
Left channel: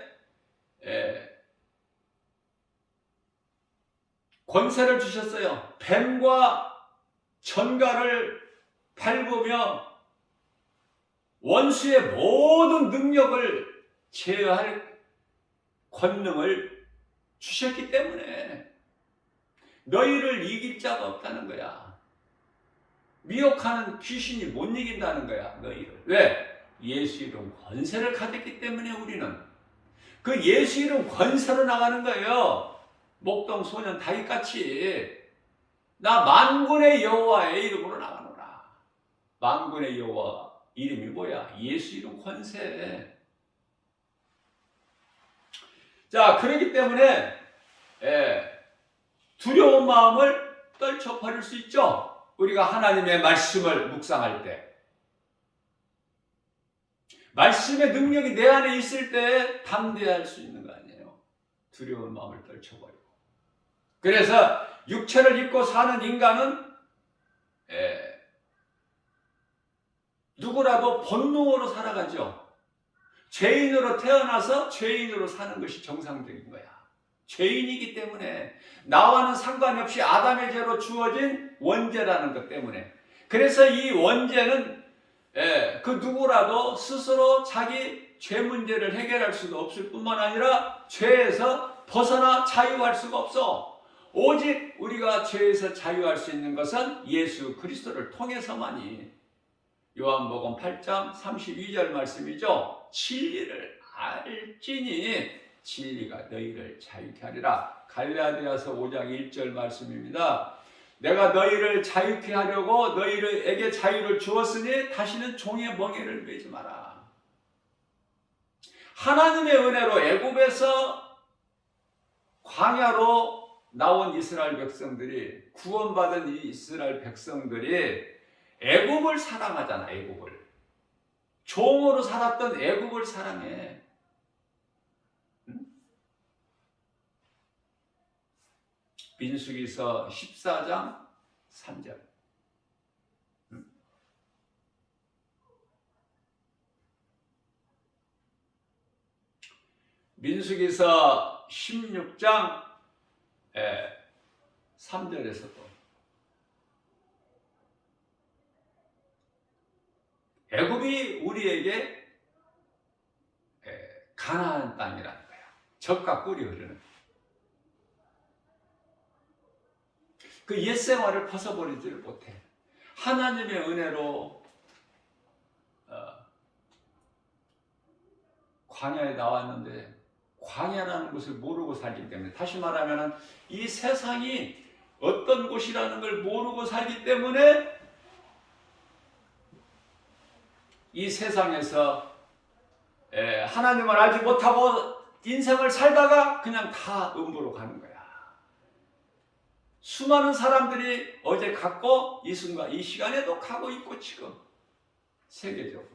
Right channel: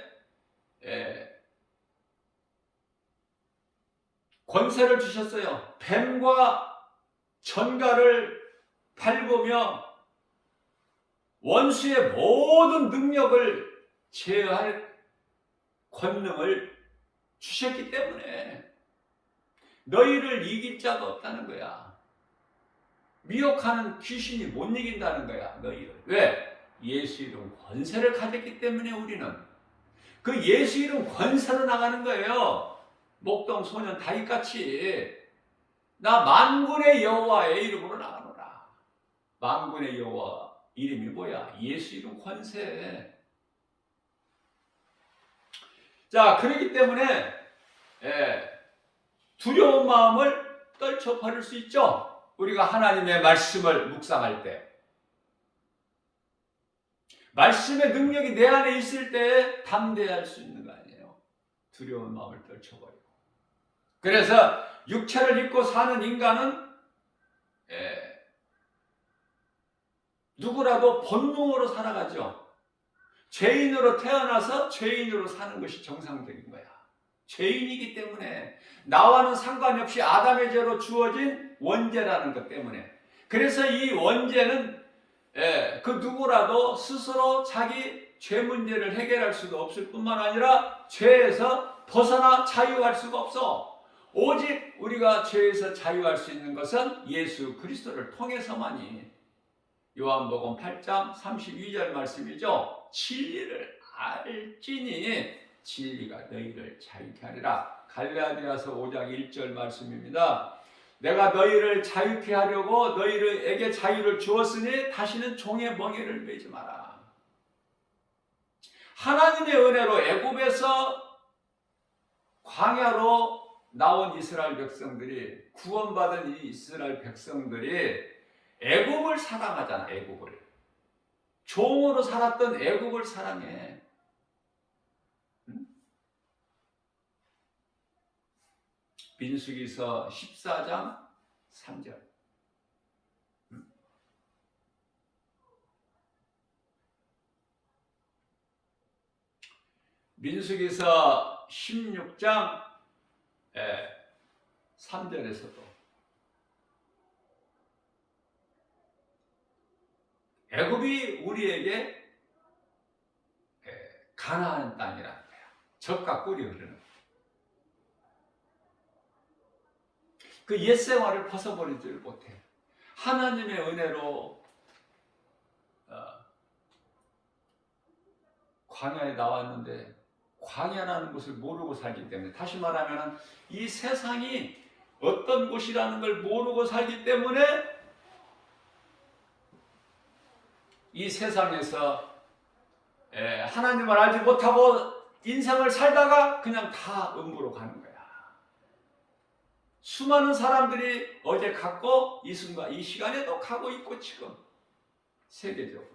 권세를 주셨어요. 뱀과 전갈을 밟으며 원수의 모든 능력을 제어할 권능을 주셨기 때문에 너희를 이길 자가 없다는 거야. 미혹하는 귀신이 못 이긴다는 거야, 너희를. 왜? 예수 이름 권세를 가졌기 때문에 우리는 그 예수 이름 권세로 나가는 거예요. 목동 소년 다윗같이 나 만군의 여호와의 이름으로 나가노라. 만군의 여호와 이름이 뭐야? 예수 이름 권세. 자, 그렇기 때문에 두려운 마음을 떨쳐버릴 수 있죠. 우리가 하나님의 말씀을 묵상할 때. 말씀의 능력이 내 안에 있을 때 담대할 수 있는 거 아니에요. 두려운 마음을 떨쳐버리고. 그래서 육체를 입고 사는 인간은 누구라도 본능으로 살아가죠. 죄인으로 태어나서 죄인으로 사는 것이 정상적인 거야. 죄인이기 때문에 나와는 상관이 없이 아담의 죄로 주어진 원죄라는 것 때문에. 그래서 이 원죄는 그 누구라도 스스로 자기 죄 문제를 해결할 수도 없을 뿐만 아니라 죄에서 벗어나 자유할 수가 없어. 오직 우리가 죄에서 자유할 수 있는 것은 예수 그리스도를 통해서만이. 요한복음 8장 32절 말씀이죠. 진리를 알지니 진리가 너희를 자유케 하리라. 갈라디아서 5장 1절 말씀입니다. 내가 너희를 자유케 하려고 너희에게 자유를 주었으니 다시는 종의 멍에를 매지 마라. 하나님의 은혜로 애굽에서 광야로 나온 이스라엘 백성들이, 구원받은 이 이스라엘 백성들이 애굽을 사랑하잖아. 애굽을 종으로 살았던 애굽을 사랑해. 민수기서 14장 3절. 민수기서 16장 3절에서도 애굽이 우리에게 가나안 땅이라는 거야. 젖과 꿀이 흐르는. 그 옛 생활을 벗어버리지를 못해. 하나님의 은혜로 광야에 나왔는데 광야라는 것을 모르고 살기 때문에, 다시 말하면 이 세상이 어떤 곳이라는 걸 모르고 살기 때문에 이 세상에서 하나님을 알지 못하고 인생을 살다가 그냥 다 음부로 가는 거야. 수많은 사람들이 어제 갔고 이 순간 이 시간에도 가고 있고 지금 세계적으로.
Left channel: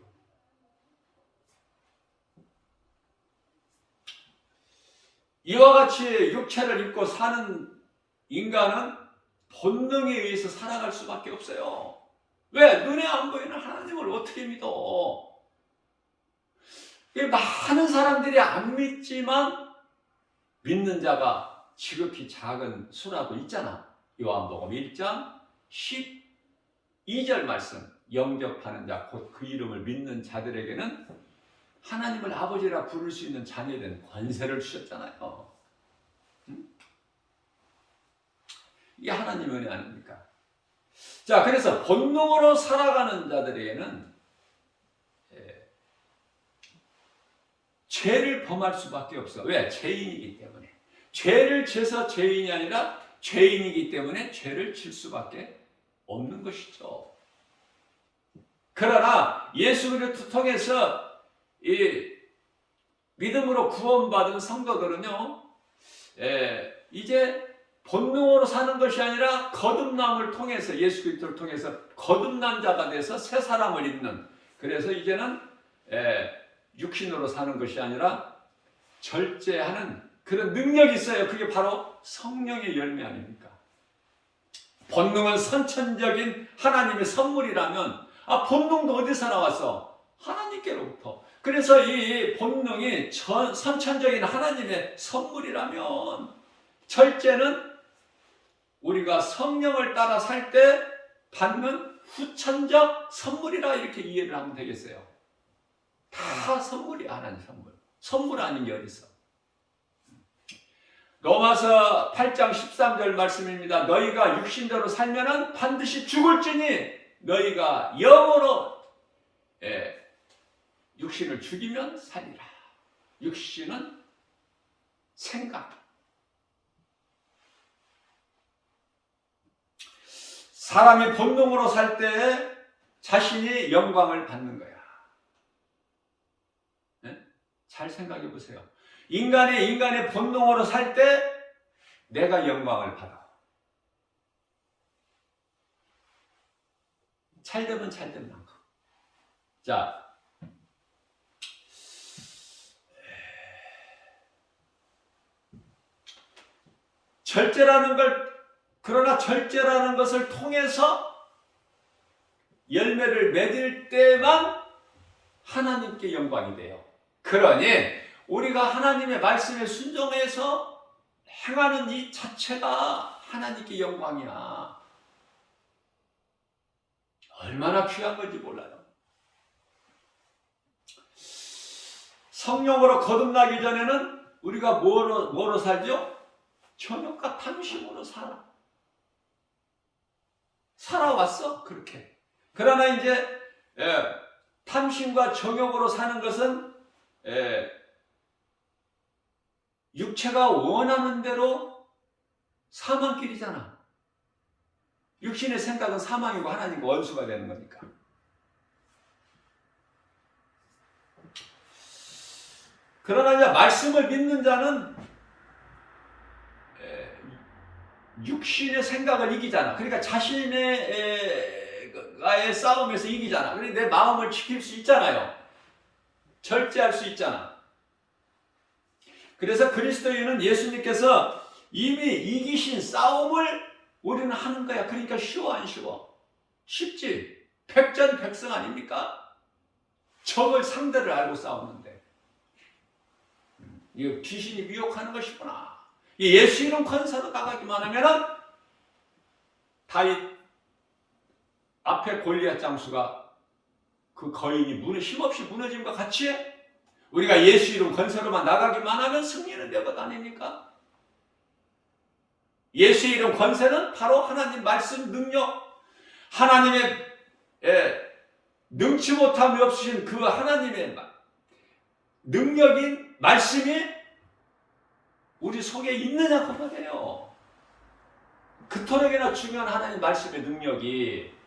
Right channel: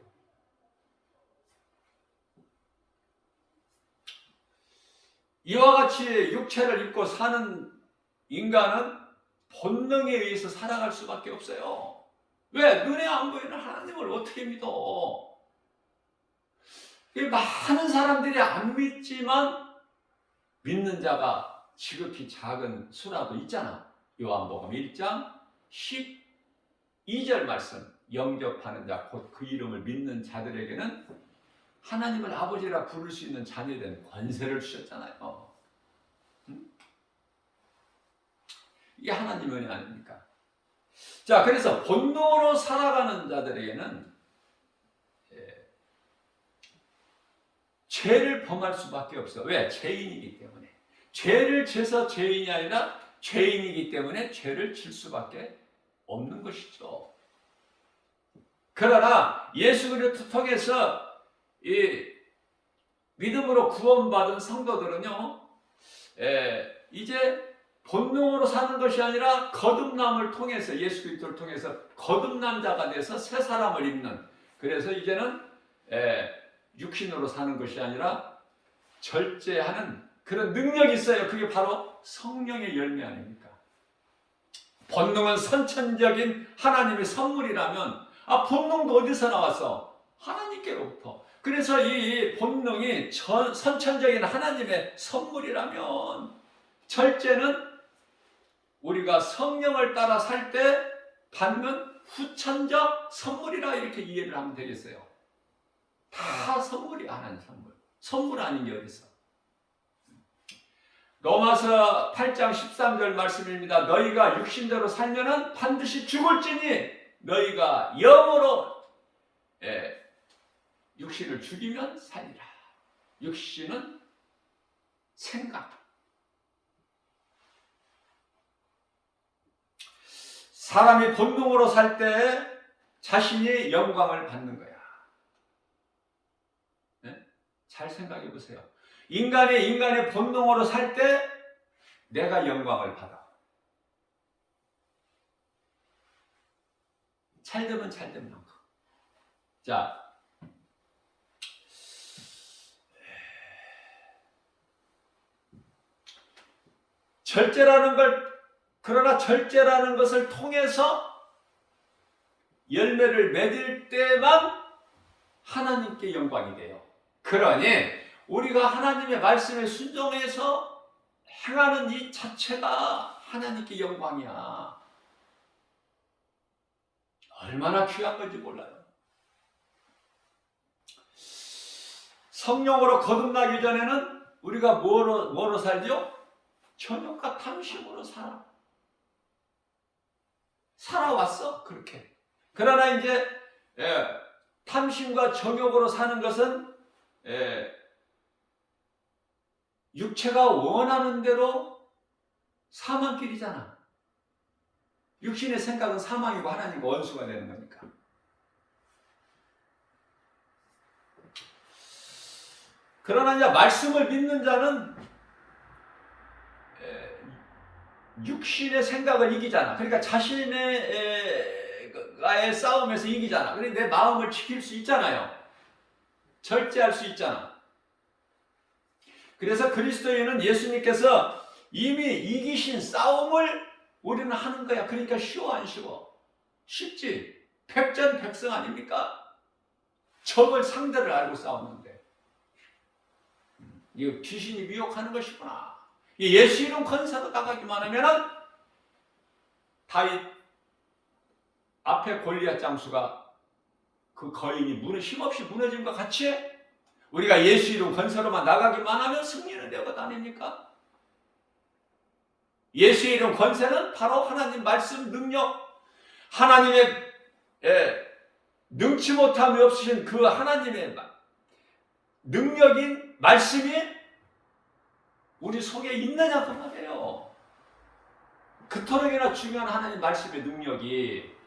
이와 같이 육체를 입고 사는 인간은 본능에 의해서 살아갈 수밖에 없어요. 왜? 눈에 안 보이는 하나님을 어떻게 믿어? 많은 사람들이 안 믿지만 믿는 자가 지극히 작은 수라도 있잖아. 요한복음 1장 12절 말씀. 영접하는 자 곧 그 이름을 믿는 자들에게는 하나님을 아버지라 부를 수 있는 자녀된 권세를 주셨잖아요. 이게 하나님의 은혜 아닙니까? 자, 그래서 본능으로 살아가는 자들에게는 죄를 범할 수밖에 없어. 왜? 죄인이기 때문에. 죄를 져서 죄인이 아니라 죄인이기 때문에 죄를 질 수밖에 없는 것이죠. 그러나 예수 그리스도 통해서 이 믿음으로 구원받은 성도들은요, 이제 본능으로 사는 것이 아니라 거듭남을 통해서, 예수 그리스도를 통해서 거듭난 자가 돼서 새 사람을 입는, 그래서 이제는 육신으로 사는 것이 아니라 절제하는 그런 능력이 있어요. 그게 바로 성령의 열매 아닙니까? 본능은 선천적인 하나님의 선물이라면, 본능도 어디서 나왔어? 하나님께로부터. 그래서 이 본능이 선천적인 하나님의 선물이라면, 절제는 우리가 성령을 따라 살 때 받는 후천적 선물이라 이렇게 이해를 하면 되겠어요. 다 선물이 하나님 선물. 선물 아닌 게 어디 있어? 로마서 8장 13절 말씀입니다. 너희가 육신대로 살면은 반드시 죽을지니 너희가 영으로 육신을 죽이면 살리라. 육신은 생각. 사람이 본능으로 살 때 자신이 영광을 받는 거야. 네? 잘 생각해 보세요. 인간의 본능으로 살 때 내가 영광을 받아. 잘되면 잘된 만큼. 자, 그러나 절제라는 것을 통해서 열매를 맺을 때만 하나님께 영광이 돼요. 그러니 우리가 하나님의 말씀에 순종해서 행하는 이 자체가 하나님께 영광이야. 얼마나 귀한 건지 몰라요. 성령으로 거듭나기 전에는 우리가 뭐로 살죠? 정욕과 탐심으로 살아왔어. 그렇게. 그러나 이제 탐심과 정욕으로 사는 것은 육체가 원하는 대로 사망길이잖아. 육신의 생각은 사망이고 하나님과 원수가 되는 거니까. 그러나 이제 말씀을 믿는 자는 육신의 생각을 이기잖아. 그러니까 자신의 싸움에서 이기잖아. 그러니까 내 마음을 지킬 수 있잖아요. 절제할 수 있잖아. 그래서 그리스도인은 예수님께서 이미 이기신 싸움을 우리는 하는 거야. 그러니까 쉬워 안 쉬워? 쉽지. 백전백승 아닙니까? 적을 상대를 알고 싸우는데. 이거 귀신이 미혹하는 것이구나. 예수 이름 권세로 나가기만 하면은 다윗 앞에 골리앗 장수가 그 거인이 힘없이 무너짐과 같이 우리가 예수 이름 권세로만 나가기만 하면 승리는 되거든 아닙니까? 예수 이름 권세는 바로 하나님 말씀 능력, 하나님의 능치 못함이 없으신 그 하나님의 능력인 말씀이 우리 속에 있느냐 그 말이에요. 그토록이나 중요한 하나님 말씀의 능력이.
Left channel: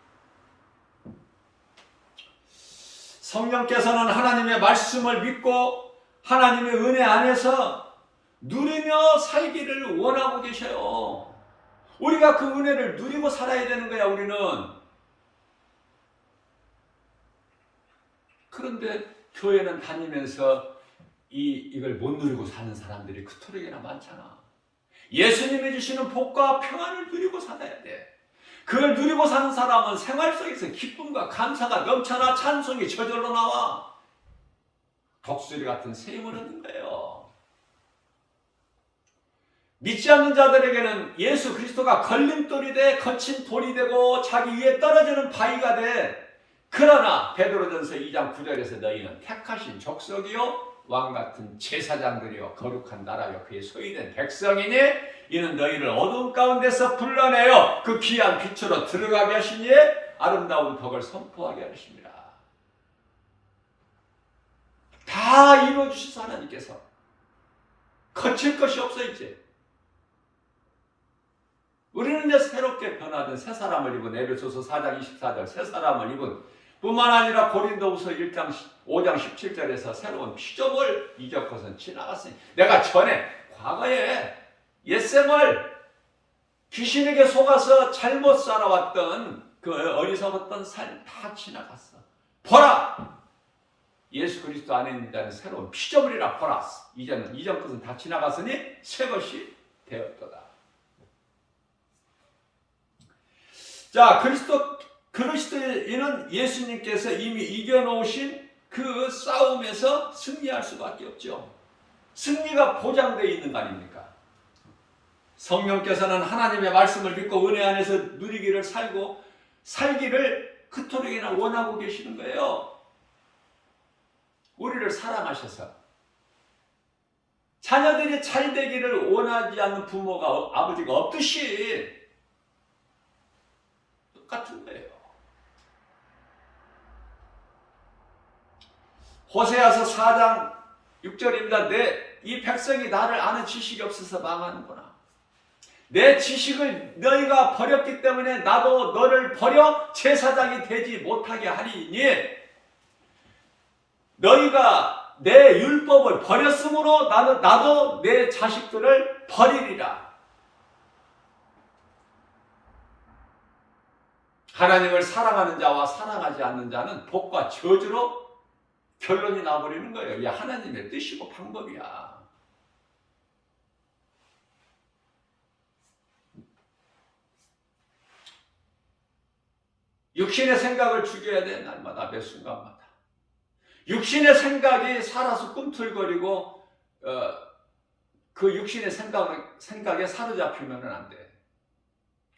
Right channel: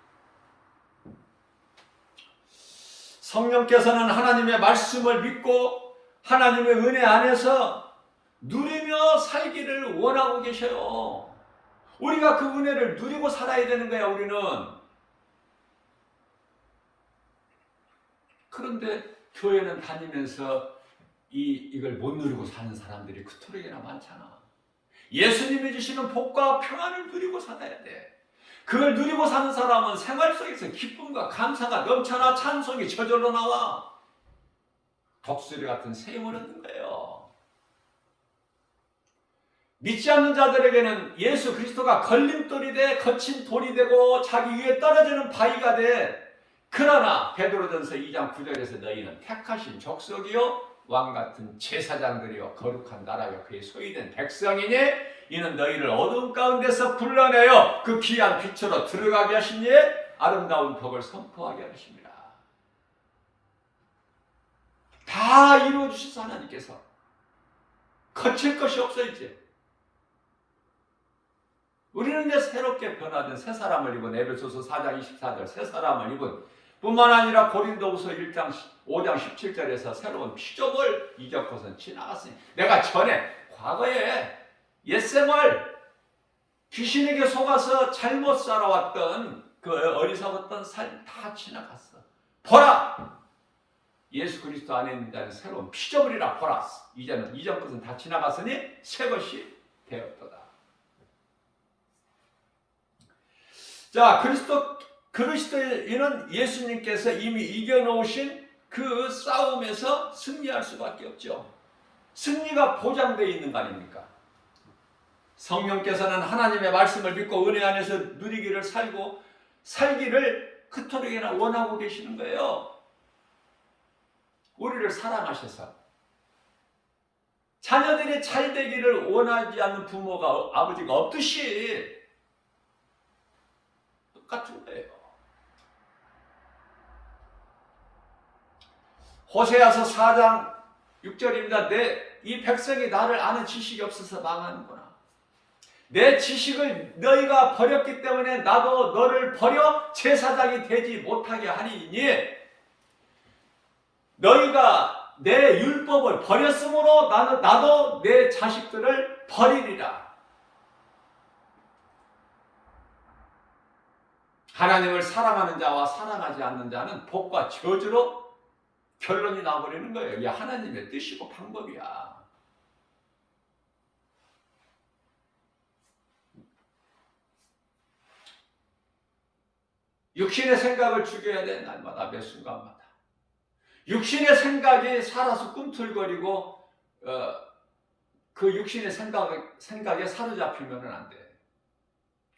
성령께서는 하나님의 말씀을 믿고 하나님의 은혜 안에서 누리며 살기를 원하고 계셔요. 우리가 그 은혜를 누리고 살아야 되는 거야. 우리는. 그런데 교회는 다니면서 이걸 못 누리고 사는 사람들이 그토록이나 많잖아. 예수님이 주시는 복과 평안을 누리고 살아야 돼. 그걸 누리고 사는 사람은 생활 속에서 기쁨과 감사가 넘쳐나 찬송이 저절로 나와. 독수리 같은 새 힘을 얻는 거예요. 믿지 않는 자들에게는 예수 그리스도가 걸림돌이 돼, 거친 돌이 되고 자기 위에 떨어지는 바위가 돼. 그러나 베드로전서 2장 9절에서 너희는 택하신 족속이요 왕 같은 제사장들이요 거룩한 나라요 그의 소유된 백성이니 이는 너희를 어두운 가운데서 불러내어 그 귀한 빛으로 들어가게 하시니 아름다운 덕을 선포하게 하십니다. 다 이루어주셔서 하나님께서 거칠 것이 없어. 이제 우리는 이제 새롭게 변화된 새 사람을 입은 에베소서 4장 24절 새 사람을 입은 뿐만 아니라 고린도후서 5장 17절에서 새로운 피조물 이적 것은 지나갔으니 내가 전에 과거에 옛생을 귀신에게 속아서 잘못 살아왔던 그 어리석었던 삶 다 지나갔어. 보라! 예수 그리스도 안에 있는 자는 새로운 피조물이라 보라. 이제는 이전 것은 다 지나갔으니 새 것이 되었도다. 자, 그리스도인은 예수님께서 이미 이겨놓으신 그 싸움에서 승리할 수밖에 없죠. 승리가 보장되어 있는 거 아닙니까? 성령께서는 하나님의 말씀을 믿고 은혜 안에서 누리기를 살기를 그토록이나 원하고 계시는 거예요. 우리를 사랑하셔서 자녀들이 잘 되기를 원하지 않는 부모가 아버지가 없듯이 똑같은 거예요. 호세아서 4장 6절입니다. 이 백성이 나를 아는 지식이 없어서 망하는구나. 내 지식을 너희가 버렸기 때문에 나도 너를 버려 제사장이 되지 못하게 하리니 너희가 내 율법을 버렸으므로 나도 내 자식들을 버리리라. 하나님을 사랑하는 자와 사랑하지 않는 자는 복과 저주로 결론이 나버리는 거예요. 이게 하나님의 뜻이고 방법이야. 육신의 생각을 죽여야 돼. 날마다 매 순간마다. 육신의 생각이 살아서 꿈틀거리고 그 육신의 생각에 사로잡히면 안 돼.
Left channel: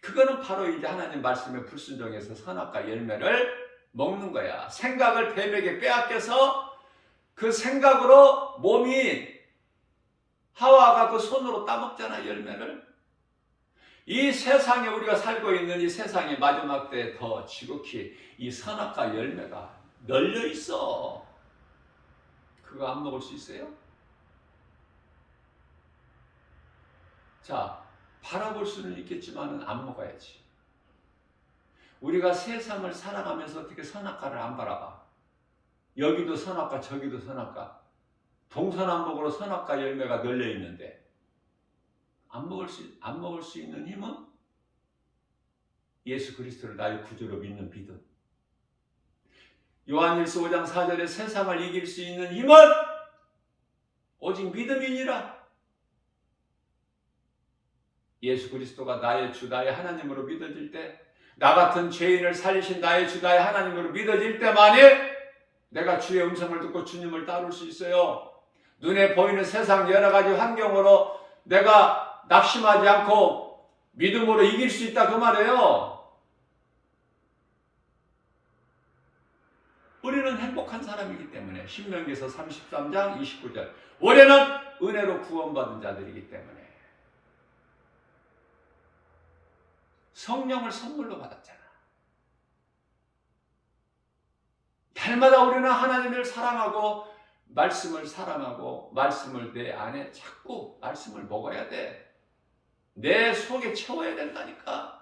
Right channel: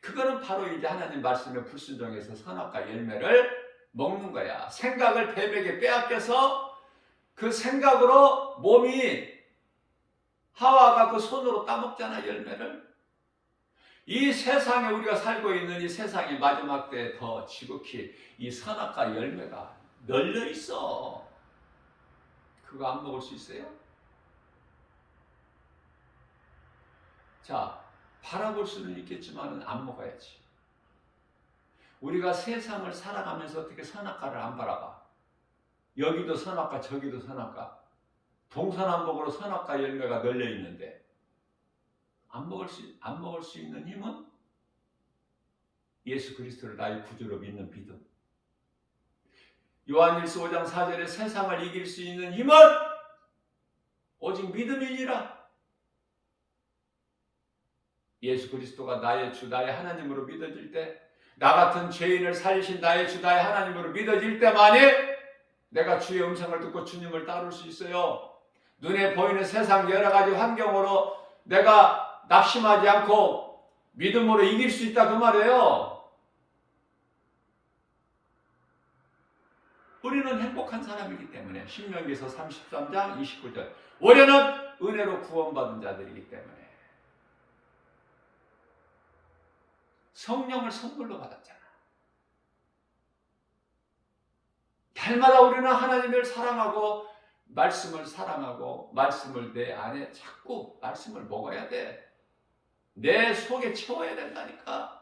그거는 바로 이제 하나님 말씀에 불순종해서 선악과 열매를 먹는 거야. 생각을 배백에 빼앗겨서 그 생각으로 몸이 하와가 그 손으로 따먹잖아, 열매를. 이 세상에 우리가 살고 있는 이 세상의 마지막 때에 더 지극히 이 선악과 열매가 널려 있어. 그거 안 먹을 수 있어요? 자, 바라볼 수는 있겠지만 안 먹어야지. 우리가 세상을 살아가면서 어떻게 선악과를 안 바라봐? 여기도 선악과 저기도 선악과, 동서남북으로 선악과 열매가 널려 있는데 안 먹을 수 있는 힘은 예수 그리스도를 나의 구주로 믿는 믿음. 요한일서 5장 4절에 세상을 이길 수 있는 힘은 오직 믿음이니라. 예수 그리스도가 나의 주, 나의 하나님으로 믿어질 때, 나 같은 죄인을 살리신 나의 주, 나의 하나님으로 믿어질 때만이 내가 주의 음성을 듣고 주님을 따를 수 있어요. 눈에 보이는 세상 여러 가지 환경으로 내가 낙심하지 않고 믿음으로 이길 수 있다 그 말이에요. 우리는 행복한 사람이기 때문에 신명기서 33장 29절 우리는 은혜로 구원받은 자들이기 때문에 성령을 선물로 받았잖아. 날마다 우리는 하나님을 사랑하고 말씀을 내 안에 자꾸 말씀을 먹어야 돼. 내 속에 채워야 된다니까.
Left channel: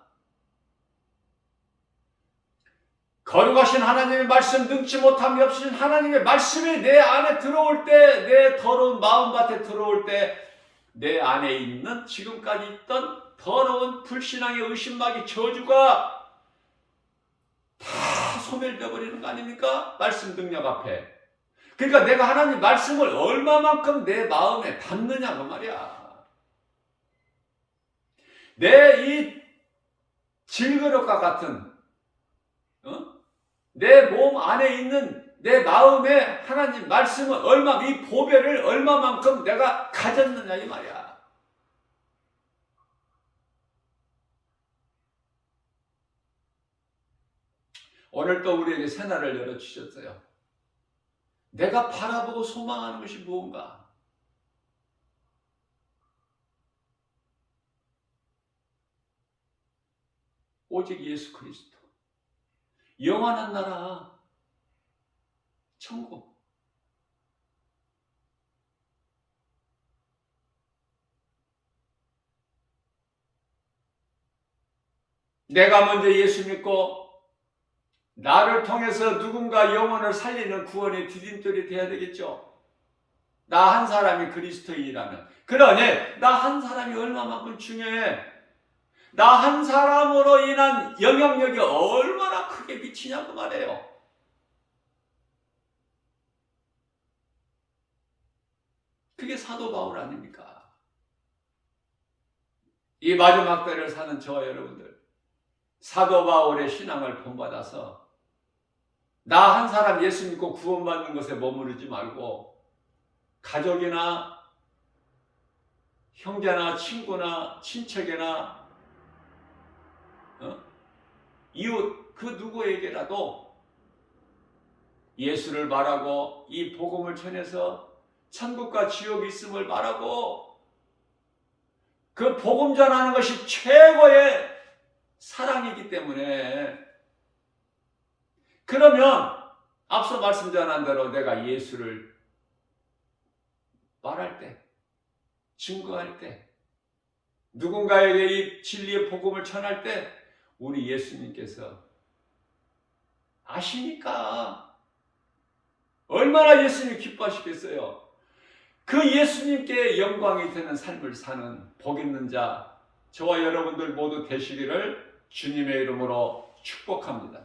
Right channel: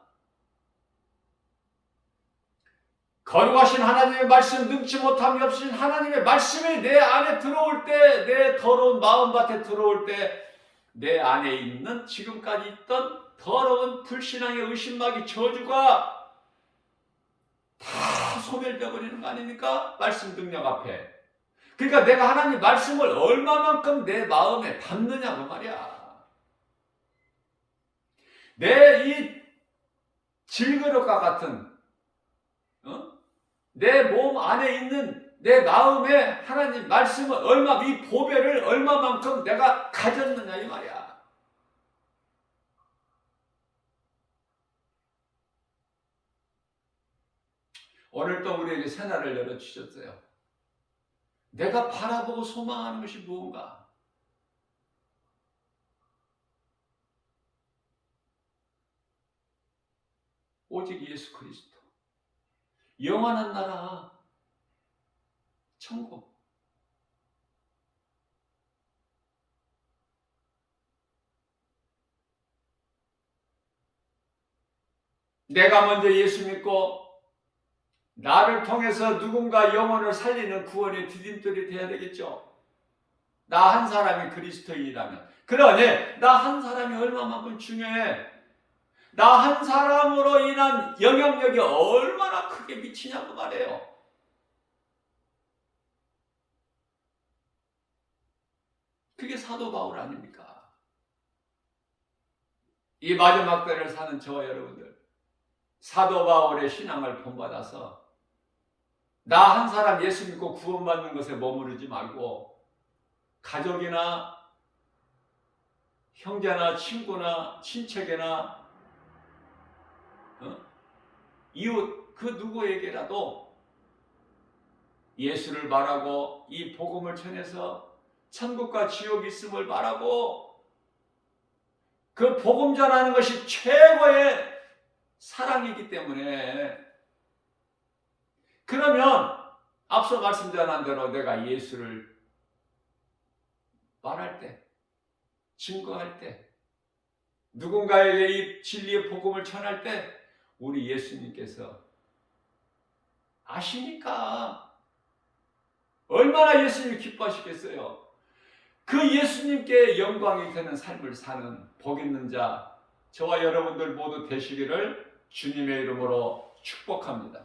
거룩하신 하나님의 말씀, 능치 못함이 없으신 하나님의 말씀이 내 안에 들어올 때, 내 더러운 마음밭에 들어올 때 내 안에 있는 지금까지 있던 더러운 불신앙의 의심마귀 저주가 다 소멸되어 버리는 거 아닙니까? 말씀 능력 앞에. 그러니까 내가 하나님 말씀을 얼마만큼 내 마음에 담느냐 그 말이야. 내 이 질그릇과 같은 내 몸 안에 있는 내 마음에 하나님 말씀을 이 보배를 얼마만큼 내가 가졌느냐 이 말이야. 오늘 또 우리에게 새날을 열어주셨어요. 내가 바라보고 소망하는 것이 무언가? 오직 예수 그리스도. 영원한 나라, 천국. 내가 먼저 예수 믿고 나를 통해서 누군가 영혼을 살리는 구원의 디딤돌이 돼야 되겠죠. 나 한 사람이 그리스도인이라면. 그러니 나 한 사람이 얼마만큼 중요해. 나 한 사람으로 인한 영향력이 얼마나 크게 미치냐고 말해요. 그게 사도 바울 아닙니까? 이 마지막 때를 사는 저와 여러분들, 사도 바울의 신앙을 본받아서 나 한 사람 예수 믿고 구원받는 것에 머무르지 말고 가족이나 형제나 친구나 친척이나 이웃 그 누구에게라도 예수를 말하고 이 복음을 전해서 천국과 지옥이 있음을 말하고 그 복음 전하는 것이 최고의 사랑이기 때문에, 그러면 앞서 말씀 전한 대로 내가 예수를 말할 때, 증거할 때, 누군가에게 이 진리의 복음을 전할 때 우리 예수님께서 아시니까 얼마나 예수님이 기뻐하시겠어요. 그 예수님께 영광이 되는 삶을 사는 복 있는 자 저와 여러분들 모두 되시기를 주님의 이름으로 축복합니다.